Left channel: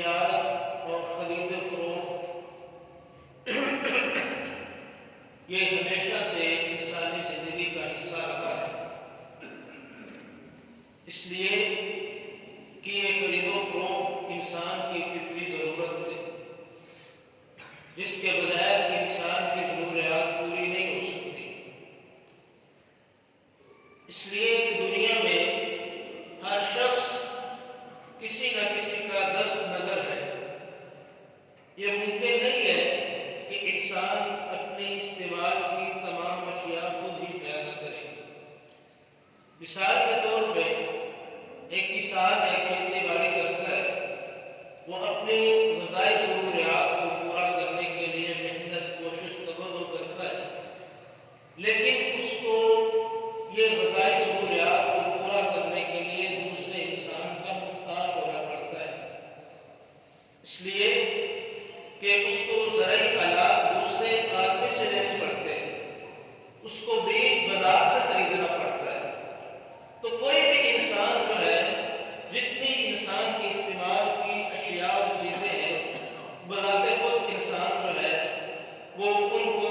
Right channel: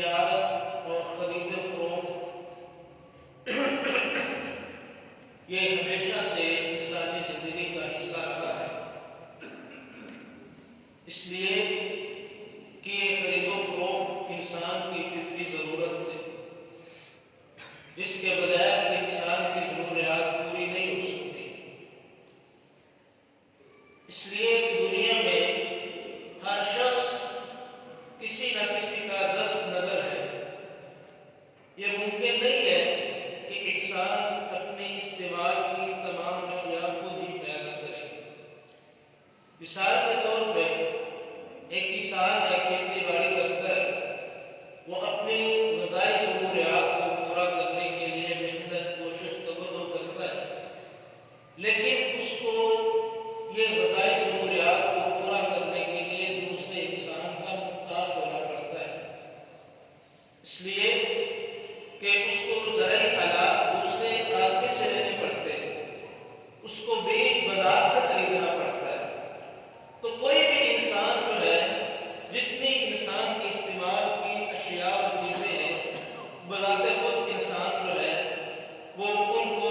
تجارت اور خرید و فروخت یہ ہمیشہ سے انسانی زندگی کا حصہ رہا ہے، اس لیے کہ یہ خرید و فروخت انسان کی فطری ضرورت ہے، جس کے بغیر انسان کی ضروریات پوری نہیں ہو سکتی۔ اس لیے کہ دنیا میں ہر شخص کسی نہ کسی کا دست نظر ہے۔ یہ ممکن نہیں ہے کہ انسان اپنی استعمال کی تمام اشیاء خود ہی پیدا کرے۔ مثال کے طور پہ ایک کسان کھیتی باڑی کرتا ہے، وہ اپنی غذائی ضروریات کو پورا کرنے کے لیے محنت کوشش تبدو کرتا ہے، لیکن اس کو یہ غذائی ضروریات کو پورا کرنے کے لیے دوسرے انسان کا محتاج ہونا پڑتا ہے، اس لیے کہ اس کو زرعی آلات دوسرے آدمی سے لینے پڑتے ہیں، اس کو بیج بازار سے خریدنا پڑتا ہے۔ تو کوئی بھی انسان جو ہے، جتنی انسان کی استعمال کی اشیاء اور چیزیں ہیں، بذات خود انسان جو ہے وہ ان کو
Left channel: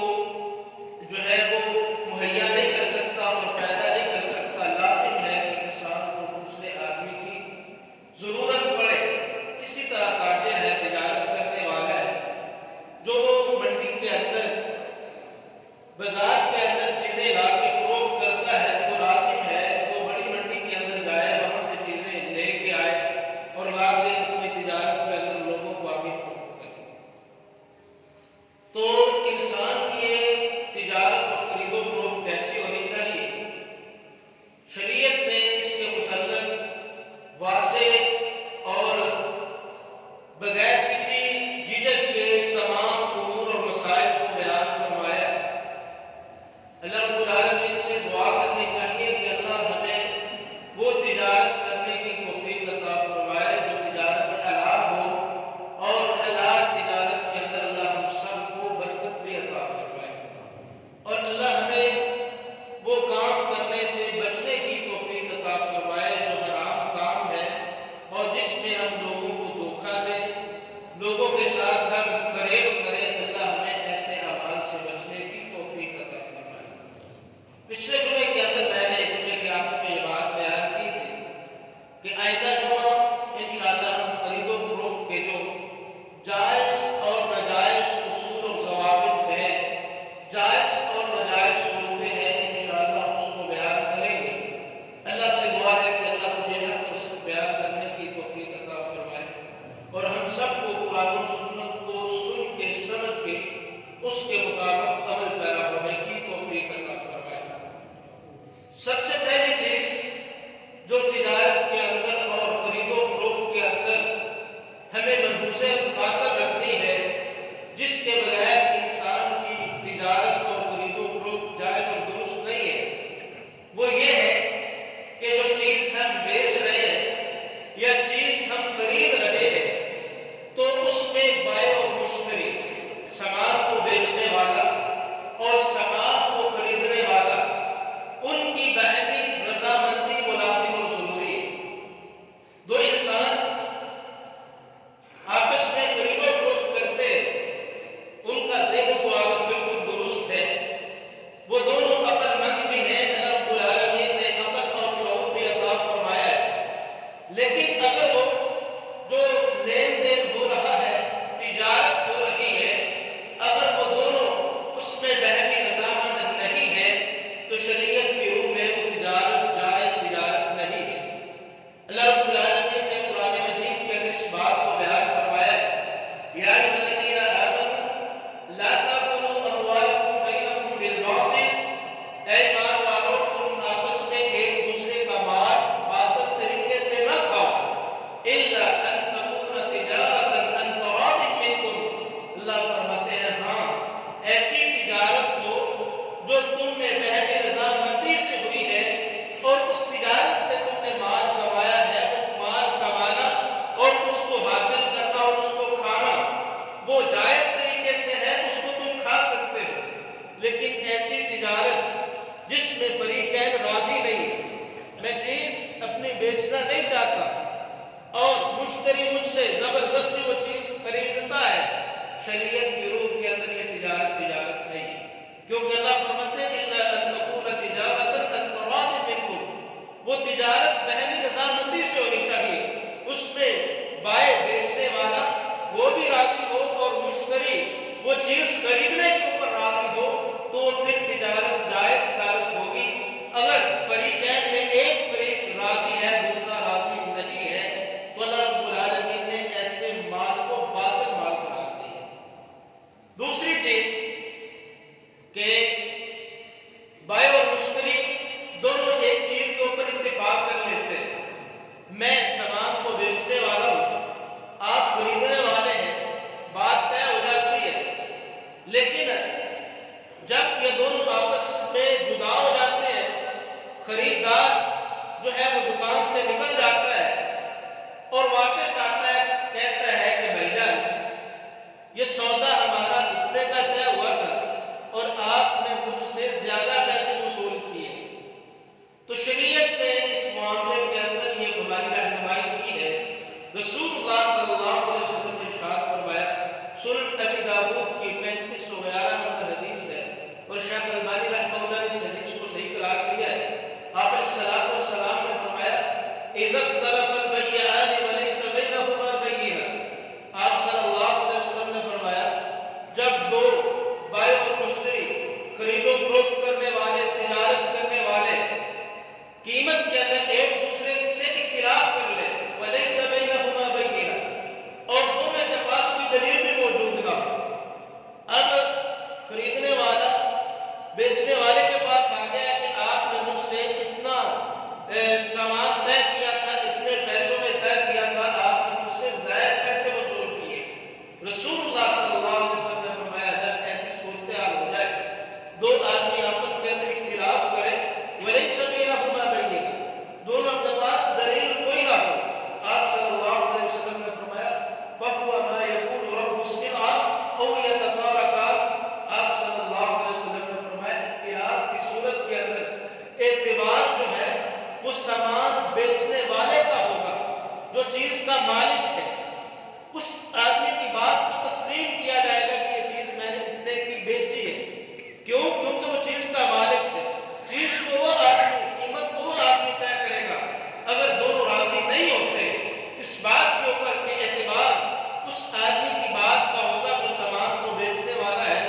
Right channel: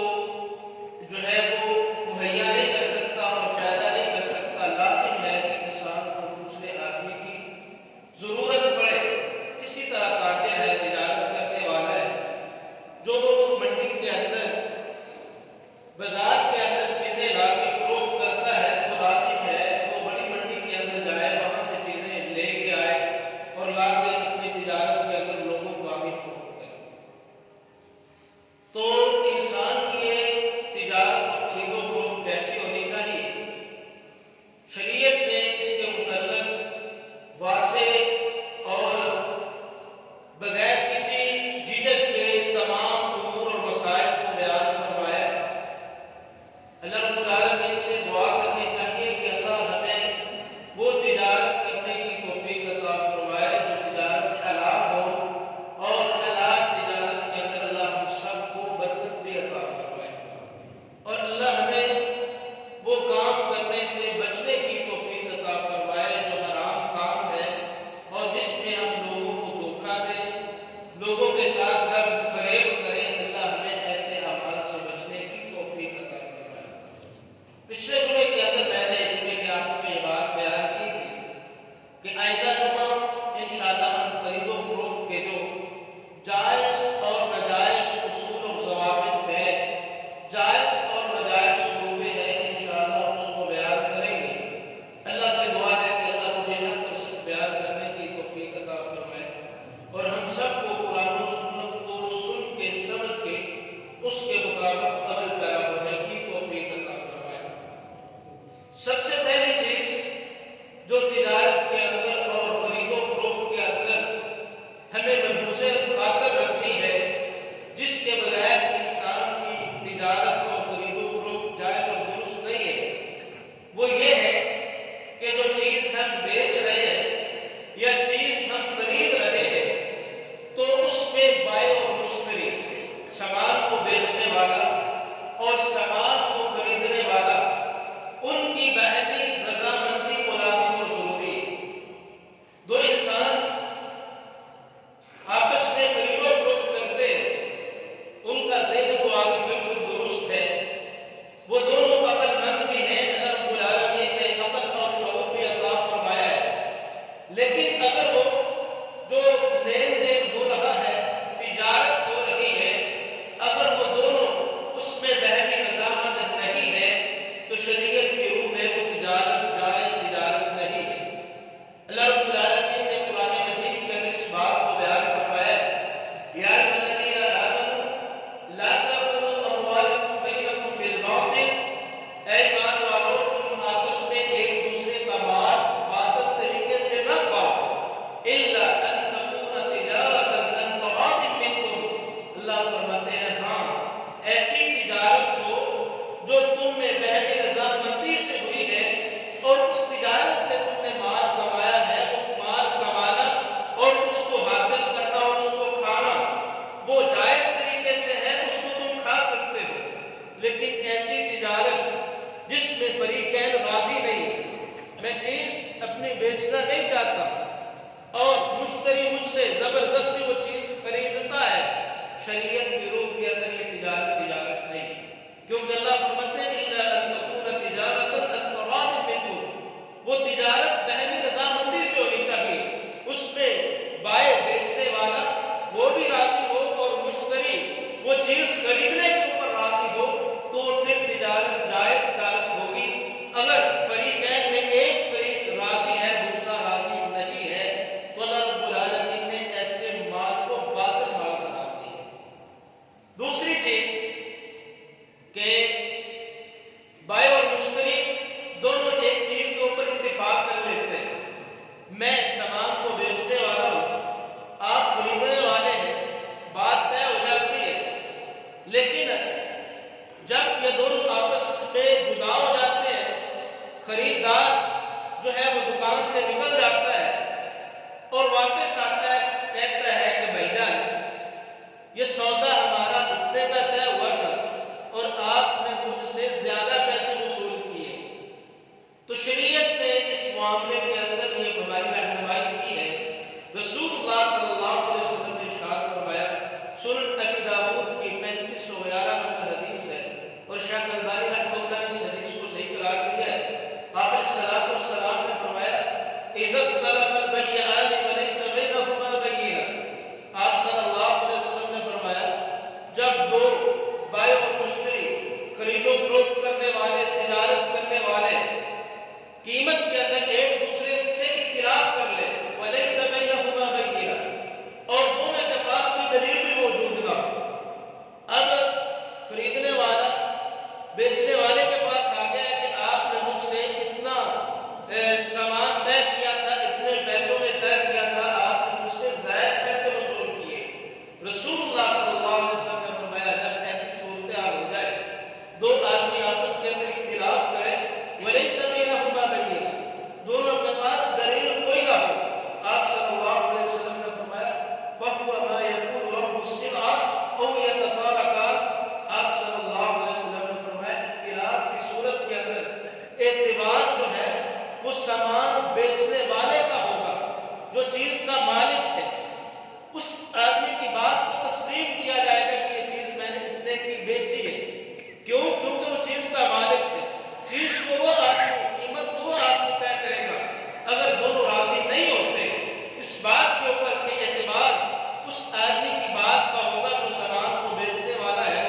جو ہے وہ مہیا نہیں کر سکتا اور پیدا نہیں کر سکتا۔ لازم ہے کہ انسان کو دوسرے آدمی کی ضرورت پڑے۔ اسی طرح تاجر ہے، تجارت کرنے والا ہے، جو وہ منڈی کے اندر بازار کے اندر چیزیں لا کے فروخت کرتا ہے، تو لازم ہے وہ بڑی منڈی کے اندر جائے، وہاں سے چیزیں لے کے آئے اور لا کے اپنی تجارت کے اندر لوگوں کو آگے فروخت کرے۔ تو انسان کی یہ تجارت اور خرید و فروخت کیسی ہونی چاہیے؟ شریعت نے اس کے متعلق واضح اور بغیر کسی جھجک کے تمام امور اور مسائل کو بیان فرمایا ہے۔ اللہ رب العالمین سے دعا کرنی چاہیے کہ اللہ ہمیں وہ تجارت کرنے کی توفیق عطا فرمائے جو تجارت حلال ہو، اور حلال تجارت کے اندر اللہ ہم سب کو برکت بھی عطا فرمائے، اور اللہ ہمیں وہ کام کرنے سے بچنے کی توفیق عطا فرمائے جو حرام کام ہے اور جس میں ہم لوگوں کو دھوکہ دیں، لوگوں کے ساتھ ہم فریب کریں۔ اللہ ہمیں ایسے اعمال سے بچنے کی توفیق عطا فرمائے۔ پچھلے جمعے کے اندر میں نے جمعے کے آخر میں یہ بات بیان کی تھی کہ آئندہ جمعہ انشاءاللہ ہم خرید و فروخت کے جو جائز اور ناجائز اصول اور ضوابط ہیں، جائز اور ناجائز صورتیں ہیں، انشاءاللہ اس کو بیان کریں گے۔ اللہ سے دعا ہے کہ اللہ مجھے حق اور سچ بیان کرنے کی توفیق عطا فرمائے، اور ہم سب کو قرآن و سنت کو سن کے سمجھ کے اس کے مطابق عمل پیرا ہونے کی توفیق عطا فرمائے۔ سب سے پہلی چیز جو تجارت کے اندر اور خرید و فروخت کے اندر ہمیں ملحوظ خاطر رکھنی ہے، جس کے بغیر انسان کی تجارت اور خرید و فروخت جائز اور درست نہیں ہے، وہ یہ ہے کہ جو چیز ہم بیچ رہے ہیں یا چیز ہم خرید رہے ہیں، تو اس میں بائع اور مشتری، سامان کو بیچنے والا اور سامان کو خریدنے والا، ان کی باہمی رضامندی کو لازم اور ضروری ہے۔ دو انسان آپس میں خرید و فروخت کرتے ہیں، ان کا ذہن تو آگے بالکل درست ہے، وہ دونوں عقل مند بھی ہیں، اللہ رب العالمین نے عقل اور شعور بھی عطا فرمایا ہے، لیکن اگر وہ جو لین دین ہو رہا ہے، تجارت ہو رہی ہے، اگر وہ دونوں اس میں باہمی رضامند نہیں ہے، تو شریعت کی روح میں وہ تجارت جائز تجارت نہیں ہے۔ اللہ رب العالمین نے قرآن مجید کے اندر اس بات کو بیان فرمایا ہے، یا ایھا الذین آمنوا لا تأکلوا اموالکم بینکم بالباطل، اے ایمان والو تم آپس میں ایک دوسرے کا مال باطل طریقے سے نہ کھاؤ، الا ان تکون تجارۃ عن تراض منکم، اللہ فرماتے ہیں ہاں ایسی تجارت ہو جو تم میں باہمی رضامندی سے ہوئی ہے، اور اس تجارت سے تم نے مال کمایا ہے، وہ مال کمانا اور اس کو حاصل کرنا اور اس کو کھانا وہ جائز طریقے سے ہے، اس کو تم کھا سکتے ہو، لیکن ایسی تجارت جس میں فریقین راضی نہیں ہے، میں چیز اپنی بیچنا نہیں چاہتا اور مشتری مجھ سے زبردستی وہ چیز خریدتا ہے، شریعت کی روح کے اندر یہ تجارت نہیں ہے، کیونکہ اللہ فرماتے ہیں الا ان تکون تجارۃ عن تراض منکم، وہ تجارت بہمی رضامندی سے ہونی چاہیے، اس میں بائے بیچنے والا وہ بھی راضی ہو اور مشتری وہ چیز خریدنے کے اوپر راضی ہو، تو پھر تجارت جائز تجارت ہوگی۔ اگر فریقین میں ایک فریق راضی ہے دوسرا راضی نہیں ہے تو اللہ رب العالمین نے ایسے مال کو باطل مال قرار دیا۔ دوسری چیز کہ بائع اور مشتری دونوں ایک چیز کے اوپر اتفاق کر لیتے ہیں، میں سامان کو بیچنے والا ہوں، آپ خریدنے والے ہیں، بات طے ہو جاتی ہے، لیکن جب یہ دونوں آپس میں جدا ہو جاتے ہیں، خریدار جو ہے وہ دکان سے نکل جاتا ہے اور واپس آتا ہے، کہتا ہے کہ بھائی جان یہ سودا ہمارا اتنے کا طے ہوا تھا اور آپ نے مجھ سے زیادہ پیسے وصول کیے، تو شریعت نے اس معاملے کے اندر یہ ہماری رہنمائی کی ہے۔ رسول اللہ صلی اللہ علیہ وسلم نے ارشاد فرمایا، سنن ابی داؤد کی 3511 نمبر حدیث ہے اور شیخ البانی رحمہ اللہ نے اس حدیث کو صحیح قرار دیا ہے۔ آپ علیہ الصلوۃ والسلام نے فرمایا اذا اختلف البيعان وليس بينهما بينة، آپ صلی اللہ علیہ وسلم نے فرمایا جب دو بائع اور مشتری خرید و فروخت کرنے والے تجارت کرنے والے قیمت کے اندر ایک دوسرے سے اختلاف کر لے، وَلَيْسَ بَيْنَهُمَا بَيِّنَةٌ، اور دونوں کے پاس کوئی دلیل بھی موجود نہ ہو، اب خریدنے والا بیچنے والے کے پاس آ گیا ہے کہ آپ نے مجھ سے اتنا سامان طے کیا تھا، اتنے پیسوں میں طے کیا تھا، آپ نے مجھ سے زائد پیسے وصول کیے۔ رسول اللہ صلی اللہ علیہ وسلم نے فرمایا جب ایسی صورتحال ہو جائے، دو آدمی آپس کے اندر اختلاف کرے، وَلَيْسَ بَيْنَهُمَا بَيِّنَةٌ، دونوں کے پاس دلیل کوئی نہ ہو، آپ صلی اللہ علیہ وسلم نے فرمایا فَهُوَ مَا يَقُولُ رَبُّ السِّلْعَةِ أَوْ يَتَطَارَقَانِ، آپ صلی اللہ علیہ وسلم نے فرمایا اختلاف کی صورت کے اندر اعتبار جو ہے وہ سامان بیچنے والے کا ہوگا، جو چیز کا مالک ہے، اس آدمی کی بات کو تسلیم کیا جائے گا کہ یہ چیز میں نے اتنے کی بیچی ہے، کیوں؟ کیونکہ وہ چیز کا مالک ہے، چیز کو وہ آدمی، قیمت کو وہ آدمی طے کرے گا۔ اگر دونوں راضی نہیں ہوتے اس بات کے اوپر کہ اعتبار اس آدمی کی بات کا ہوگا جو سامان کو بیچنے والا ہے،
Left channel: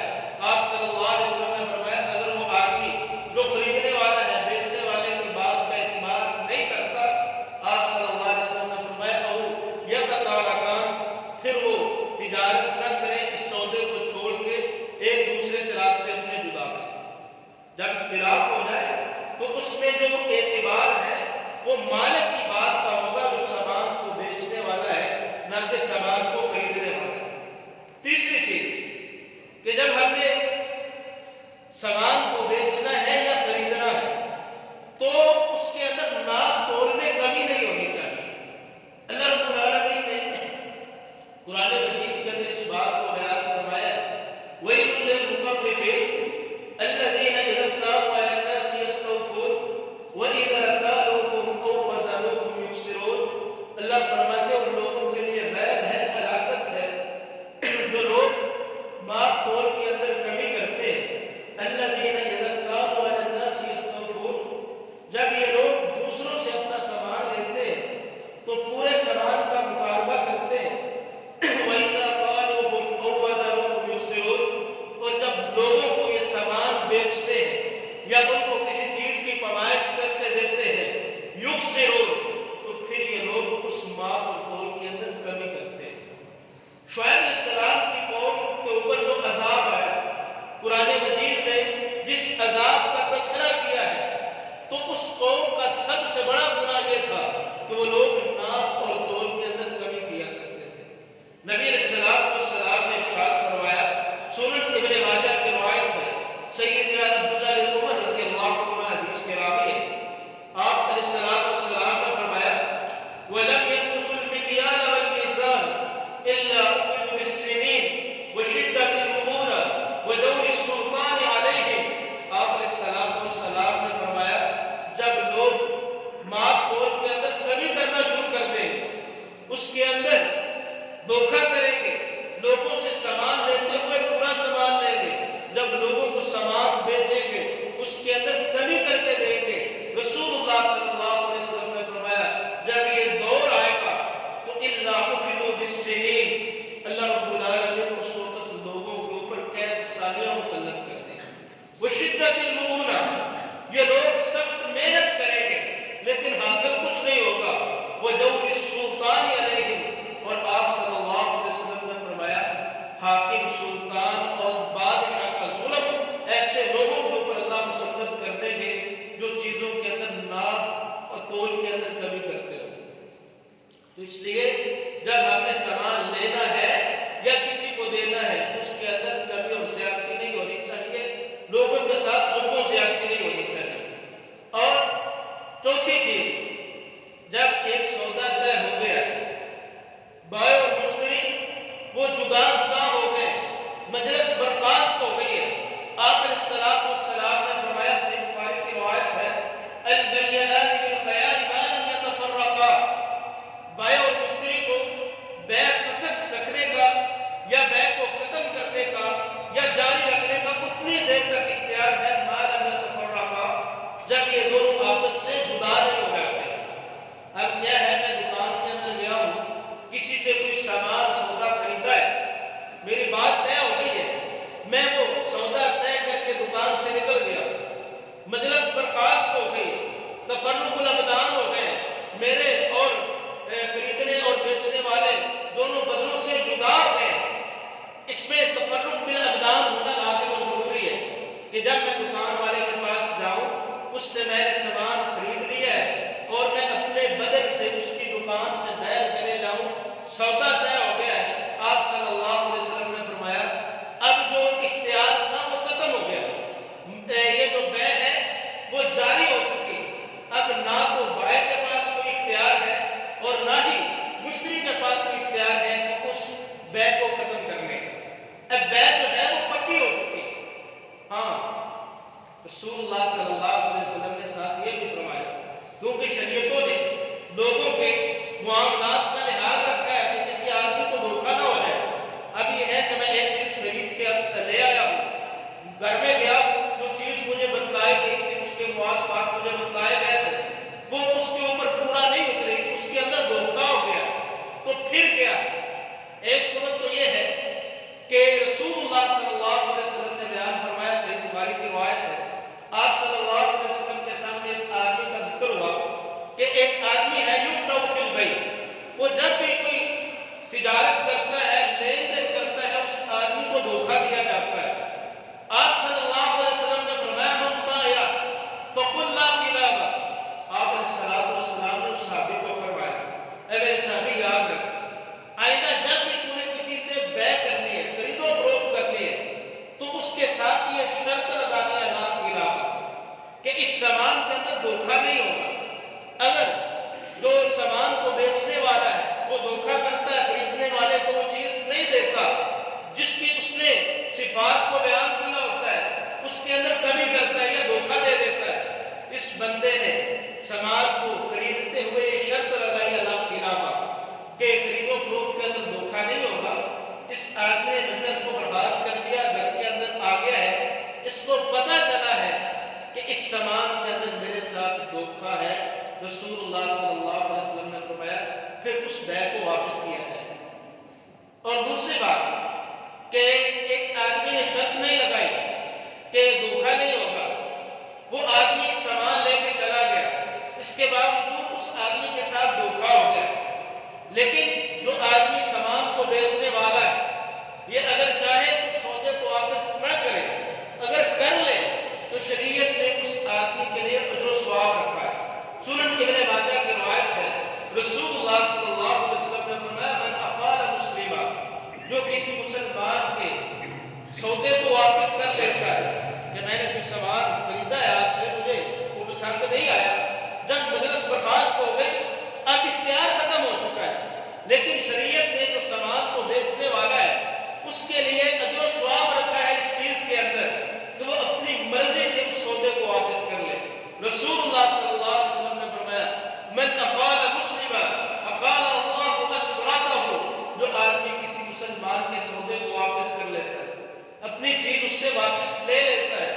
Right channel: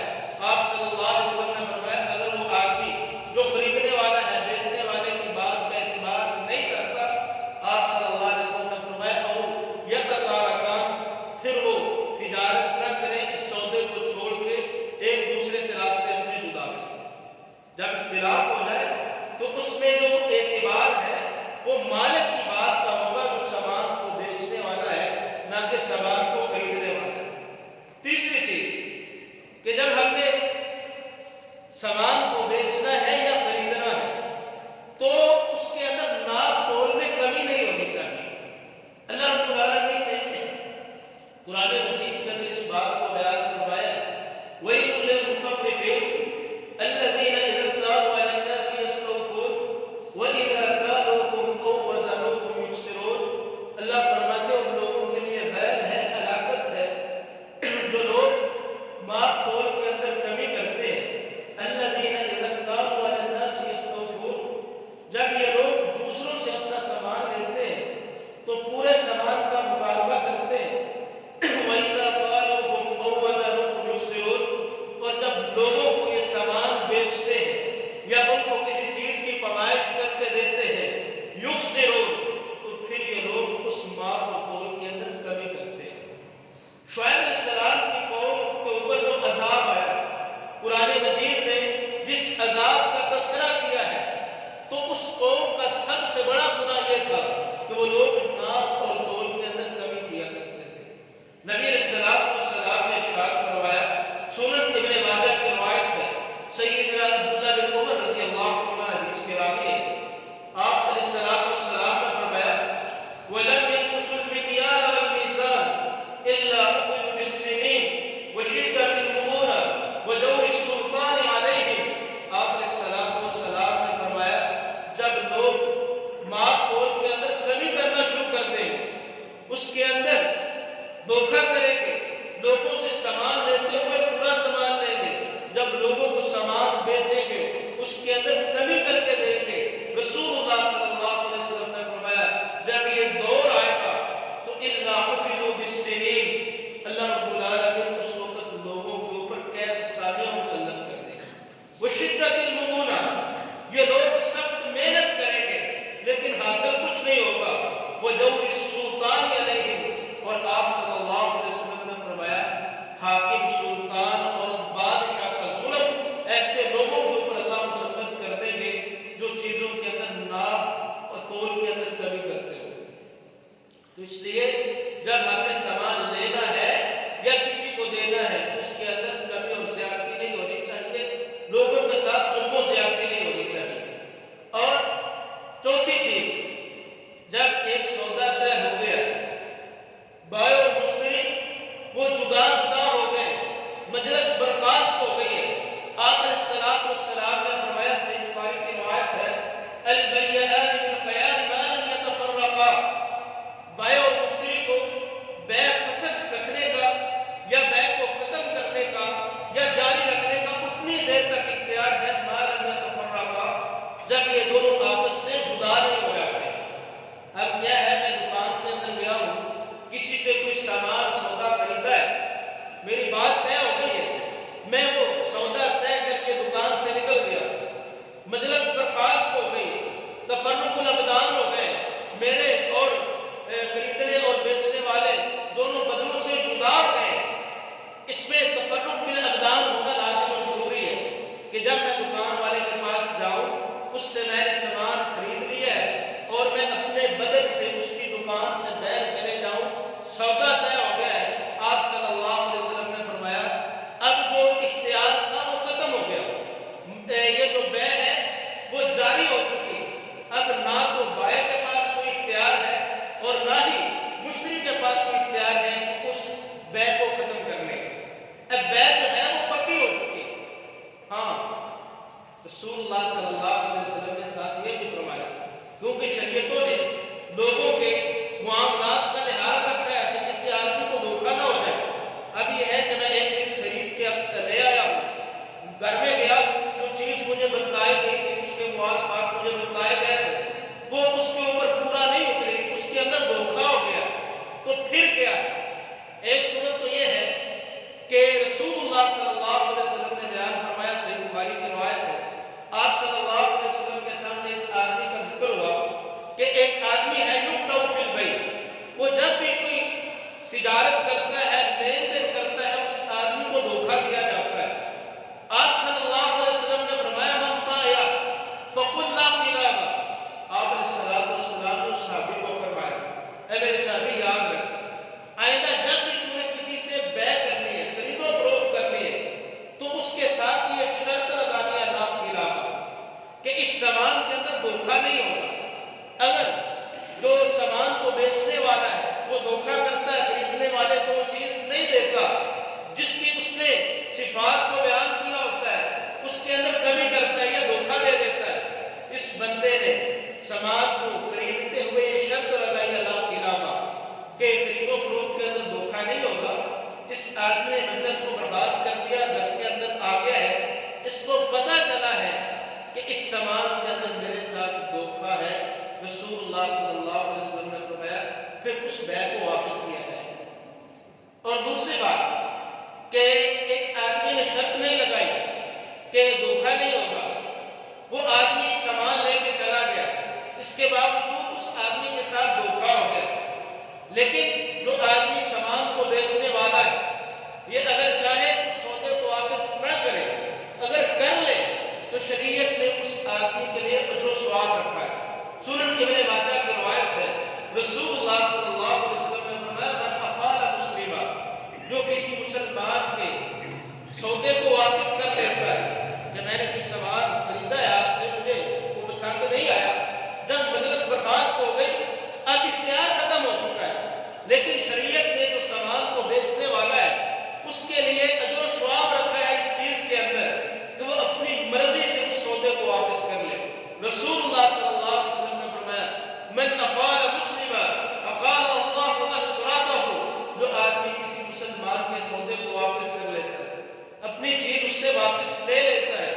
آپ صلی اللہ علیہ وسلم نے فرمایا اگر وہ آدمی جو خریدنے والا ہے بیچنے والے کی بات کا اعتبار نہیں کرتا، آپ صلی اللہ علیہ وسلم نے فرمایا او یتطارقان، پھر وہ تجارت نہ کریں، اس سودے کو چھوڑ کے ایک دوسرے سے راستے اپنے جدا کریں۔ جب اختلاف ہو جائے تو اس میں جو اعتبار ہے وہ مالک کی بات کا ہوگا جو سامان کو بیچنے والا ہے، نہ کہ سامان کو خریدنے والا ہے۔ تیسری چیز کہ جب ہم نے سامان کو بیچنا ہے یا خریدنا ہے تو اس کے اندر ناپ تول میں کمی نہیں ہونی چاہیے۔ اللہ رب العالمین نے قرآن مجید کے اندر اس بات کو بیان فرمایا ہے وَيْلٌ لِّلْمُطَفِّفِينَ الَّذِينَ إِذَا اكْتَالُوا عَلَى النَّاسِ يَسْتَوْفُونَ وَإِذَا كَالُوهُمْ أَوْ وَزَنُوهُمْ يُخْسِرُونَ، اللہ فرماتے ہیں ان لوگوں کے لیے ویل ہے، ہلاکت ہے جو لوگ ماپ تول کے اندر کمی کرتے ہیں۔ الَّذِينَ إِذَا اكْتَالُوا عَلَى النَّاسِ يَسْتَوْفُونَ، جب یہ لوگ دوسروں سے اپنا سامان لیتے ہیں تو پورے سامان کا مقابلہ کرتے ہیں۔ وَإِذَا قَالُوهُمْ أَوْ وَزَنُوهُمْ يُخْسِرُونَ، اور جب لوگوں کو یہ سامان بیچتے ہیں یا ان کو کسی چیز کی پیمائش کر کے دیتے ہیں، یُخْسِرُونَ، تو پھر یہ لوگ اس ماپ اور تول کے اندر کمی کرتے ہیں۔ شعیب علیہ السلام کی قوم کے اوپر جو عذاب آیا، قرآن مجید نے جس عذاب کا تذکرہ کیا ہے، تو اس قوم کا سب سے بڑا گناہ یہ تھا کہ وہ لوگ ناپ اور تول کے اندر کمی کیا کرتے تھے۔ نبی علیہ السلام نے ارشاد فرمایا، سنن ابن ماجہ کی روایت ہے، سیدنا عبداللہ بن عمر رضی اللہ عنہ حدیث کے راوی ہیں، آپ علیہ السلام نے فرمایا وَلَمْ يَنْقُصُوا الْمِكْيَالَ وَالْمِيزَانَ إِلَّا أُخِذُوا بِالسِّنِينِ وَشِدَّةِ الْمُؤُونَةِ وَجَوْرِ السُّلْطَانِ عَلَيْهِمْ، آپ علیہ السلام نے فرمایا جب لوگ ماپ تول کے اندر کمی کرنا شروع کر دیں گے، اس کے لوگوں سے سامان لیتے ہوئے پورا سامان لیں گے، جب لوگوں کو سامان بیچیں گے اس کے اندر کمی کر کے دیں گے۔ رسول اللہ صلی اللہ علیہ وسلم نے فرمایا جب یہ دور آئے گا تو الا اخذوا بالسنین، اللہ رب العالمین اس وقت لوگوں کے اوپر قید سالیاں مسلط کر دیں گے۔ وشدت المؤونہ، یہ لوگ سخت محنت کریں گے لیکن حاصل کچھ نہیں ہوگا۔ وجور السلطان علیہم، اور آپ صلی اللہ علیہ وسلم نے فرمایا حاکم، سلطان اور بادشاہ کا ظلم ایسے لوگوں کے اوپر اللہ مسلط کر دیں گے جو چیزوں کے اندر ناپ اور تول کے اندر کمی کرتے ہو۔ تو اس لیے جب ہم نے سامان لینا ہے یا کسی کو دینا ہے تو اس کے اندر کمی اور زیادتی نہیں ہونی چاہیے، لوگوں کے ساتھ ظلم و زیادتی نہیں ہونی چاہیے۔ اور چوتھی چیز، جب ایک سودا طے ہو گیا، بائع اور مشتری وہ جدا جدا ہو گئے، مجلس برخاست ہو گئی ہے، آپ علیہ الصلوۃ والسلام نے فرمایا، صحیح بخاری کی روایت ہے، البیعان بالخیار ما لم یتفرقا، بائع اور مشتری کو بیع فسخ رکھنے کا یا بیع کو ختم کرنے کا یا جاری رکھنے کا اتنی دیر تک اختیار ہے، ما لم یتفرقا، جب یہ دونوں آپس سے جدا نہیں ہو جاتے۔ اب کیا ہے، میں دکان کے اندر گیا ہوں، کسی سے کوئی سامان سودا خریدا ہے، میری بات طے ہو گئی ہے، میں وہ سودا طے کر کے دکان سے نکل گیا، مجلس برخاست ہو گئی، تفرق الابدان ہو گئے، میرے اور خریدنے اور بیچنے والے دونوں بدنوں سے جدا ہو گئے۔ اس میں تفرق بالابدان ہونا لازم اور ضروری ہے کہ جب میں دکان والے کے پاس جاؤں، اس سے میں نے سامان خرید لیا ہے اور میں اپنے بدن سے اس کی دکان سے باہر چلے جاؤں، سودا طے ہو گیا ہے، آپ صلی اللہ علیہ وسلم نے فرمایا اب جو اختیار تھا وہ ختم ہو گیا، یہ جو بیع ہے وہ جاری ہو چکی، اب نہ تو بائع کے پاس کوئی اختیار ہے اور نہ ہی مشتری کے پاس کوئی اختیار ہے کہ اس بیع کو ختم کرنے کا، اب بیع جو ہے وہ پکی ہو چکی۔ ہاں، رسول اللہ صلی اللہ علیہ وسلم نے ساتھ یہ بھی فرمایا، کیونکہ شریعتوں نے لوگوں کے معاملات کا لحاظ رکھا ہے کہ کسی آدمی کو دھوکہ نہ ہو جائے۔ اب یہ ہے کہ میں ایک چیز خرید کے لے آیا ہوں، گھر میں گیا ہوں، جو چیز مجھے بتلائی گئی تھی، اس کے مواصفات مجھے بتلائے گئے تھے، وہ اس کے اوپر پورا نہیں اتری، اس کے اندر دھوکہ ہو گیا، تو پھر کیا ہے؟ ایک صورت تو یہ ہے کہ رسول اللہ صلی اللہ علیہ وسلم نے بیان فرمایا، صحیح بخاری کی روایت ہے، آپ صلی اللہ علیہ وسلم کے سامنے ایک آدمی کا ذکر ہوا کہ ایک آدمی ہے یقطع فی البیع، وہ جب بھی کوئی تجارت کرتا ہے، لین دین کرتا ہے، اس آدمی کو دھوکہ دیا جاتا ہے۔ آپ صلی اللہ علیہ وسلم نے فرمایا من باع فقل لا خلافہ، آپ علیہ السلام نے اس صحابی کو فرمایا اے میرے صحابی یاد رکھ، آئندہ جب بھی تو نے کسی سے بیع کرنی ہے، خرید و فروخت کرنی ہے، تو اس کے ساتھ یہ شرط لگانی ہے لا خلافہ، کہ اس سامان کے اندر دھوکہ نہیں ہوگا۔ اگر جو سامان کو بیچنے والا ہے وہ دھوکہ کرتا ہے، خریدنے والے کو وہ چیز نہیں دیتا جس کی اس نے صفات کو بیان کیا ہوتا ہے، اس کے اندر کمی کرتا ہے یا دھوکہ دے دیتا ہے، اس بندے نے سامان کو خریدتے ہوئے یہ شرط لگائی لا خلافہ کہ خرید و فروخت کے اندر دھوکہ نہیں ہوگا۔ اس آدمی نے مجلس کو برخاست کر دیا، گھر کے اندر آ گیا ہے، اس کو پتہ چلا ہے کہ اس سامان کے اندر میرے ساتھ دھوکہ ہے، رسول اللہ صلی اللہ علیہ وسلم نے فرمایا پھر اس بیع کو واپس کیا جائے۔ اور دوسری بات کہ ایک آدمی نے شرط نہیں لگائی کہ دھوکہ نہیں ہوگا، وہ آدمی سامان لے کے چلا گیا، اس کے باوجود اس آدمی کے ساتھ دھوکہ ہو گیا، لیکن جو آدمی سامان کو بیچنے والا ہے یہ اگر چاہے تو سودے کو واپس نہ کرے، اگر کر لے تو شریعت نے اس آدمی کے لیے اجر و ثواب رکھا ہے۔ سنن ابن ماجہ کی روایت ہے، رسول اللہ صلی اللہ علیہ وسلم نے فرمایا من اقال مسلمہ، جو کسی مسلمان کے سودے کو واپس کر لیتا ہے کہ میں نے کچھ سامان خریدا ہے آپ سے، مجھے وہ پسند نہیں آیا، جب مجلس برخاست ہو گئی، اب اختیار ختم ہو چکا ہے، لیکن شریعت نے جو سامان کو بیچنے والا ہے اس کے لیے اجر و ثواب رکھا ہے اس چیز کے اندر کہ وہ اپنی مرضی سے اس سودے کو واپس کر لے۔ رسول اللہ صلی اللہ علیہ وسلم نے فرمایا من اقال مسلما اقال اللہ اسرتہ، جو آدمی کسی مسلمان کے سودے اسے واپس لے لیتا ہے.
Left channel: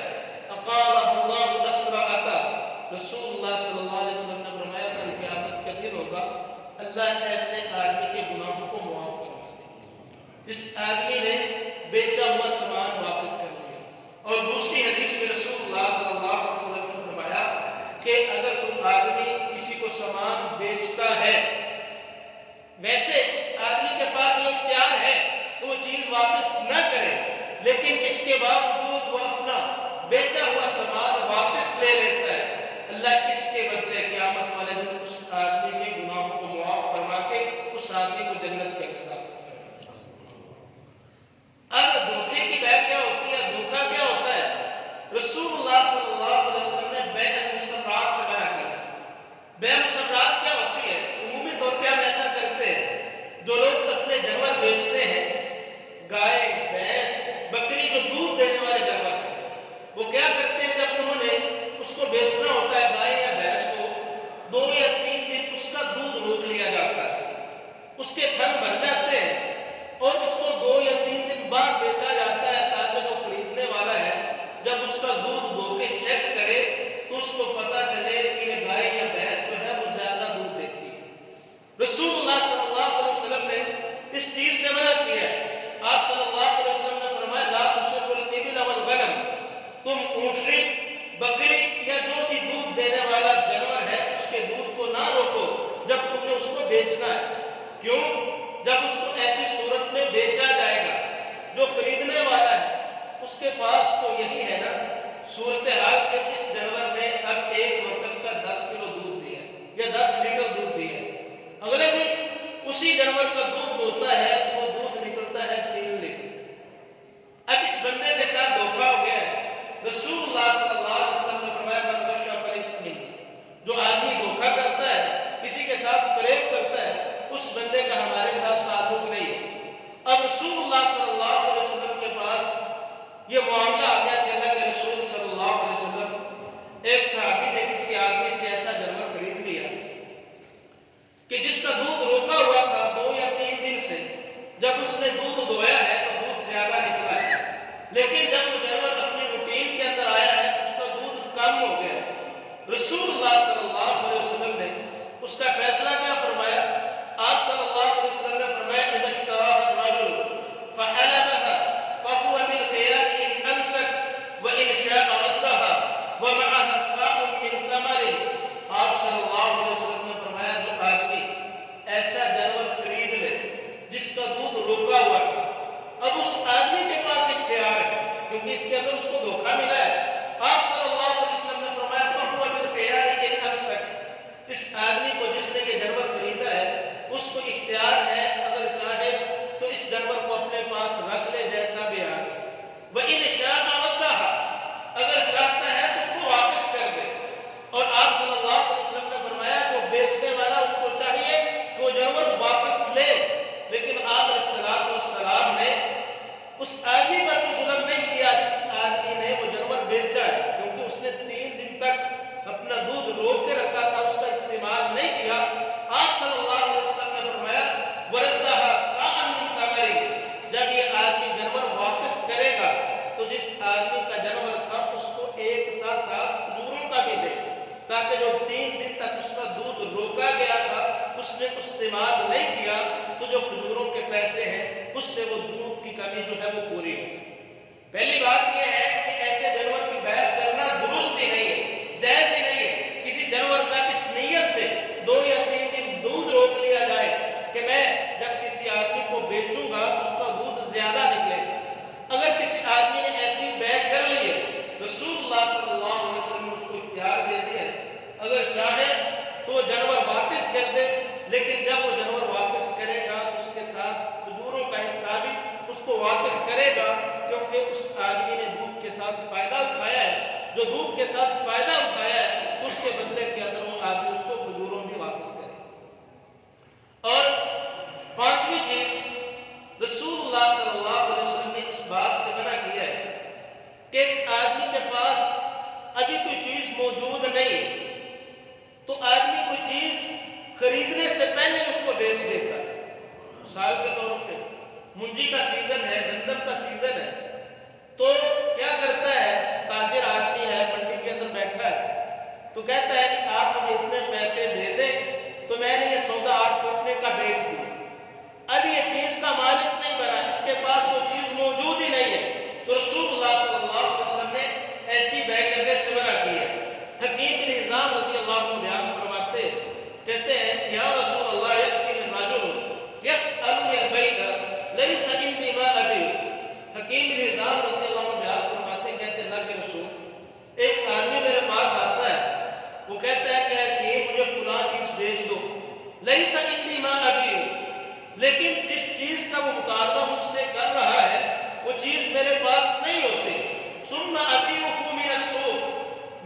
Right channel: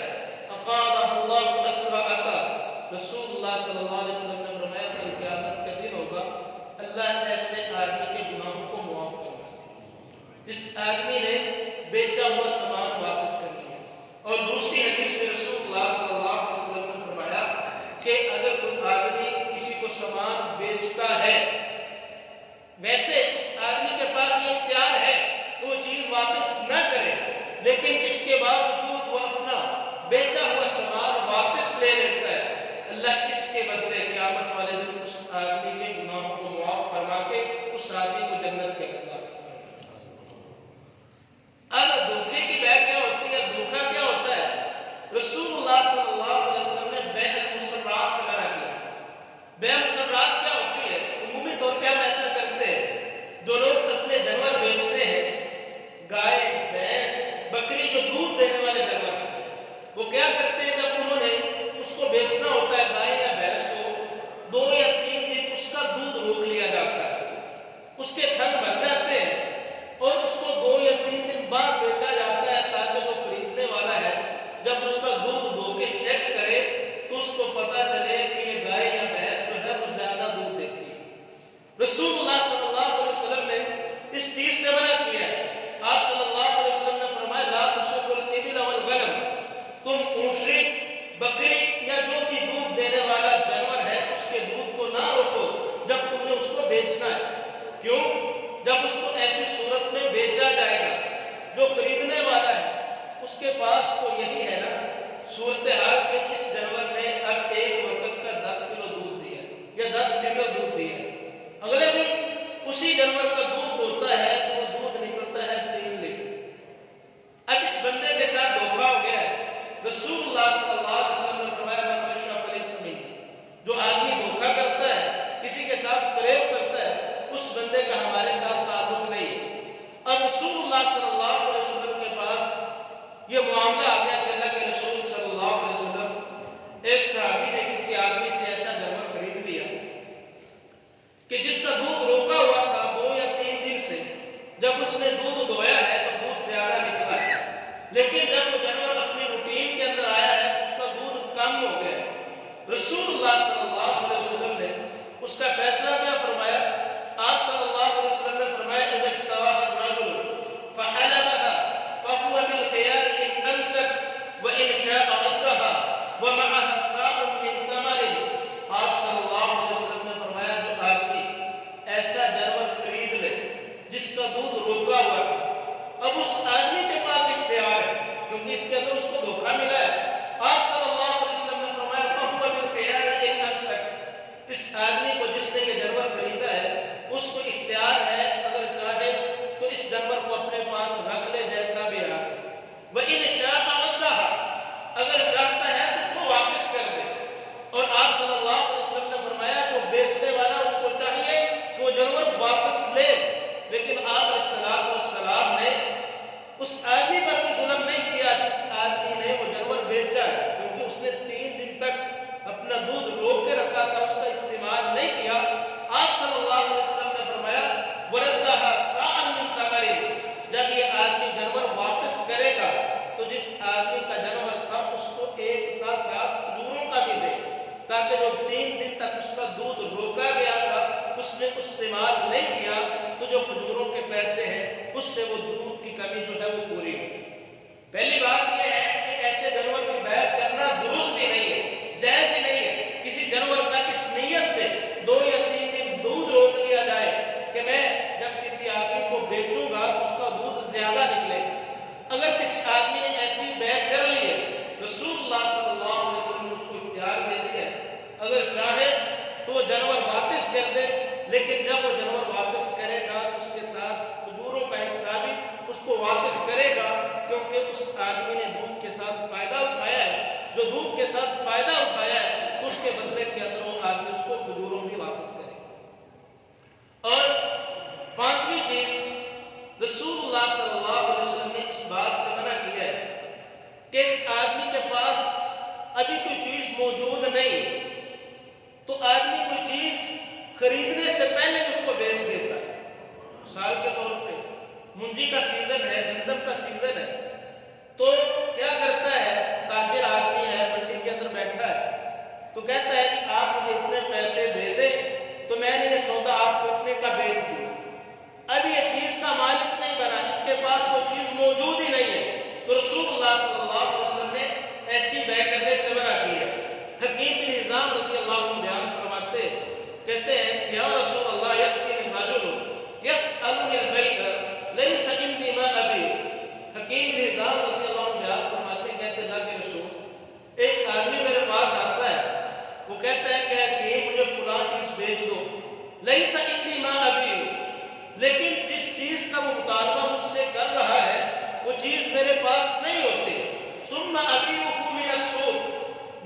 اقالہ اللہ اسرعتا. رسول اللہ صلی اللہ علیہ وسلم نے فرمایا کل قیامت کا دن ہوگا، اللہ ایسے آدمی کے گناہوں کو معاف فرما دے جس آدمی نے بیچا ہوا سامان واپس کر لیا. اور دوسری حدیث میں رسول اللہ صلی اللہ علیہ وسلم نے فرمایا کہ اگر کوئی آدمی کسی کو سامان بیچتا ہے، ویسے اس آدمی کے پاس یہ اختیار ہے کہ وہ چیز واپس نہ کرے، لیکن اس کے باوجود وہ اپنا بیچا ہوا سامان واپس لے لیتا ہے، اللہ اس کے بدلے قیامت والے دن اس آدمی کے گناہوں کو معاف فرما کے اس آدمی کو جنت کے اندر داخل فرماتا ہے. اب دھوکے کی بے کیا ہوتی ہے، دھوکا کیا ہوتا ہے؟ رسول اللہ صلی اللہ علیہ وسلم نے بیع المسرات سے منع کیا. بیع مسرات کیا ہوتی ہے؟ عمومی طور پہ ہم ایسا کرتے ہیں، جو لوگ اپنے جانور بیچتے ہیں، گائے، بھینس، بکری، جو دودھ دینے والے جانور ہیں، وہ کیا کرتے ہیں جب انہوں نے اس کو بیچنا ہوتا ہے گائے یا بھینس کو، 2 یا 3 دن اس کا دودھ روک لیا جاتا ہے، اس کے تھن بھر جاتے ہیں اور اس کو 2 یا 3 دن بعد بیچا جاتا ہے تاکہ جو خریدنے والا ہے جب اس کا دودھ دھو کے چیک کرے تو اس کو پتا چلے کہ یہ گائے یا بھینس جو ہے وہ زیادہ دودھ دیتی ہے. رسول اللہ صلی اللہ علیہ وسلم نے اس چیز سے منع کیا ہے. آپ صلی اللہ علیہ وسلم نے فرمایا لا تسروا الابل والغنم. تم اونٹنی، بکری یا جو بھی دودھ دینے والا جانور ہے اس کے دودھ کو نہ روکو جب تم نے اس کو بیچنا ہے. کیوں؟ جب اس کو ایسی صورت میں بیچا جائے گا، جو خریدنے والا ہے اس کے پاس تو یہی ہے نا صورتحال کہ اس جانور نے اب ایک وقت کا 10 کلو دودھ دیا یا 10 لیٹر دودھ دیا ہے، اگلے دن اسی جانور کا دودھ ہوتا ہے تو وہ دودھ نکلتا ہے 3 لیٹر. اب اس بندے کے ساتھ دھوکا ہو گیا ہے. رسول اللہ صلی اللہ علیہ وسلم نے فرمایا من غش فلیس منی. جو آدمی دھوکا کرتا ہے، کسی کے ساتھ فریب کرتا ہے، اس بندے کا ہمارے ساتھ تعلق نہیں ہے. اب رسول اللہ صلی اللہ علیہ وسلم کے پاس یہ معاملہ آ گیا کہ اللہ کے رسول صلی اللہ علیہ وسلم، ایک صحابی نے کسی آدمی سے ایسا جانور خرید لیا کہ جس کا دودھ روکا ہوا تھا 2 یا 3 دن سے. جب اس نے دودھ دھویا ہے تو دودھ زیادہ نکلا ہے، لیکن جب وہ جانور اپنی روٹین کے اندر آیا ہے تو اس کا دودھ کم ہو گیا. رسول اللہ صلی اللہ علیہ وسلم نے اس کا فیصلہ کیا فرمایا؟ آپ صلی اللہ علیہ وسلم نے فرمایا اذا اشتراها الرجل فحلبها فهو بالخيار ان امسك وان شاء ردها ومعها ساء من تمر. آپ صلی اللہ علیہ وسلم نے فرمایا جو آدمی ایسا جانور خرید لے جس کا دودھ روکا ہوا تھا، اب اس آدمی کے پاس اختیار ہے کیونکہ اس کے اندر اس کو دھوکا ملا ہے. آپ صلی اللہ علیہ وسلم نے فرمایا فهو بالخيار ان امسك. اس آدمی کو جس نے یہ جانور خریدا ہے اس کو اختیار ہے، اگر چاہے تو اس جانور کو اپنے پاس رکھ لے جیسا بھی آ گیا. وَإِنْ شَاءَ رَدَّهَا. اگر چاہتا ہے تو اس کو واپس کر دے. اور آپ صلی اللہ علیہ وسلم نے فرمایا جو بیچنے والا اس کو چاہیے کہ وہ جانور واپس لے، لیکن آپ علیہ الصلوۃ والسلام نے اس آدمی پر بھی ظلم نہیں کیا جس آدمی نے وہ جانور بیچا ہے، کیونکہ اس نے 3 دن تک اپنا دودھ روک کے رکھا تھا، اس کا استعمال نہیں کیا. آپ صلی اللہ علیہ وسلم نے فرمایا وَرَدَّهَا سَاعًا مِّن تَمَرٍ. جب یہ آدمی جانور واپس کرے گا تو جس آدمی کا جانور تھا اس کو ایک ساتھ کھجوروں کا بھی دے، تاکہ جو 3 دن تک اس کا دودھ روکا گیا تھا اس نے استعمال نہیں کیا تو جو کھجوروں کے پیسے ہیں اس سے وہ دودھ کی کمی جو ہے وہ پوری ہو گئی. پہلی بات یہ ہے کہ ایسے جانور کی بیع کرنا درست ہی نہیں ہے، جائز ہی نہیں ہے. کسی جانور کا اس نیت سے 2 یا 3 دن دودھ روک لیا جائے کہ میں جب کسی آدمی کو بیچوں گا تو اس کا دودھ زیادہ نکلے گا. اگر کسی آدمی نے ایسی بیع کر لی ہے، رسول اللہ صلی اللہ علیہ وسلم نے اس کو اختیار دے دیا ہے، اگر چاہے تو وہ جانور واپس کر دے، لیکن جب وہ جانور واپس کرے گا تو اس کے ساتھ کھجوروں کا حساب بھی اس کو واپس کرے گا، کیونکہ اس آدمی نے دودھ کے ساتھ فائدہ اٹھایا ہے. جو دودھ کے ساتھ فائدہ اٹھایا ہے تو اس کے بدلے کے اندر وہ آدمی اس کو کھجوروں بھی واپس کرے. اور 5ویں چیز، رسول اللہ صلی اللہ علیہ وسلم نے اس بات سے منع کیا ہے کہ ایک آدمی کے پاس ابھی کوئی چیز موجود نہیں ہے تو آدمی کوئی چیز خریدنے سے پہلے اس کو بیچ دیتا ہے. مثال کے طور پہ منجی کا سیزن ہے، گندم کا سیزن ہے، تو کیا کرتا ہے، تاجر آدمی ہے، منڈی کے اندر بیٹھا ہے، تو کہتا ہے کہ آپ مجھے اتنے پیسے دے دیں تو میں نے یہ سودا آپ کو اتنے کا بیچ دیا۔ اب یہ چیز کا مالک نہیں بنا، اس کے پاس وہ چیز موجود ہی نہیں ہے، تو رسول اللہ صلی اللہ علیہ وسلم نے ایسی بے کرنے سے منع کی ہے۔ حکیم بن حزام رضی اللہ عنہ بیان فرماتے ہیں، کہتے ہیں یا رسول اللہ یأتی من رجل یسألنی البیع لیس عندی ما ابیع۔ حکیم بن حزام رضی اللہ عنہ بیان فرماتے ہیں، کہتے ہیں اللہ کے رسول، ایک آدمی میرے پاس آتا ہے، وہ کہتا ہے کہ حکیم مجھے فلاں چیز بیچ دو، لیس عندی ما ابیع، لیکن جس چیز کا وہ مطالبہ مجھ سے کر رہا ہے وہ چیز میرے پاس نہیں ہوتی، ثم ابیعہ من السوق،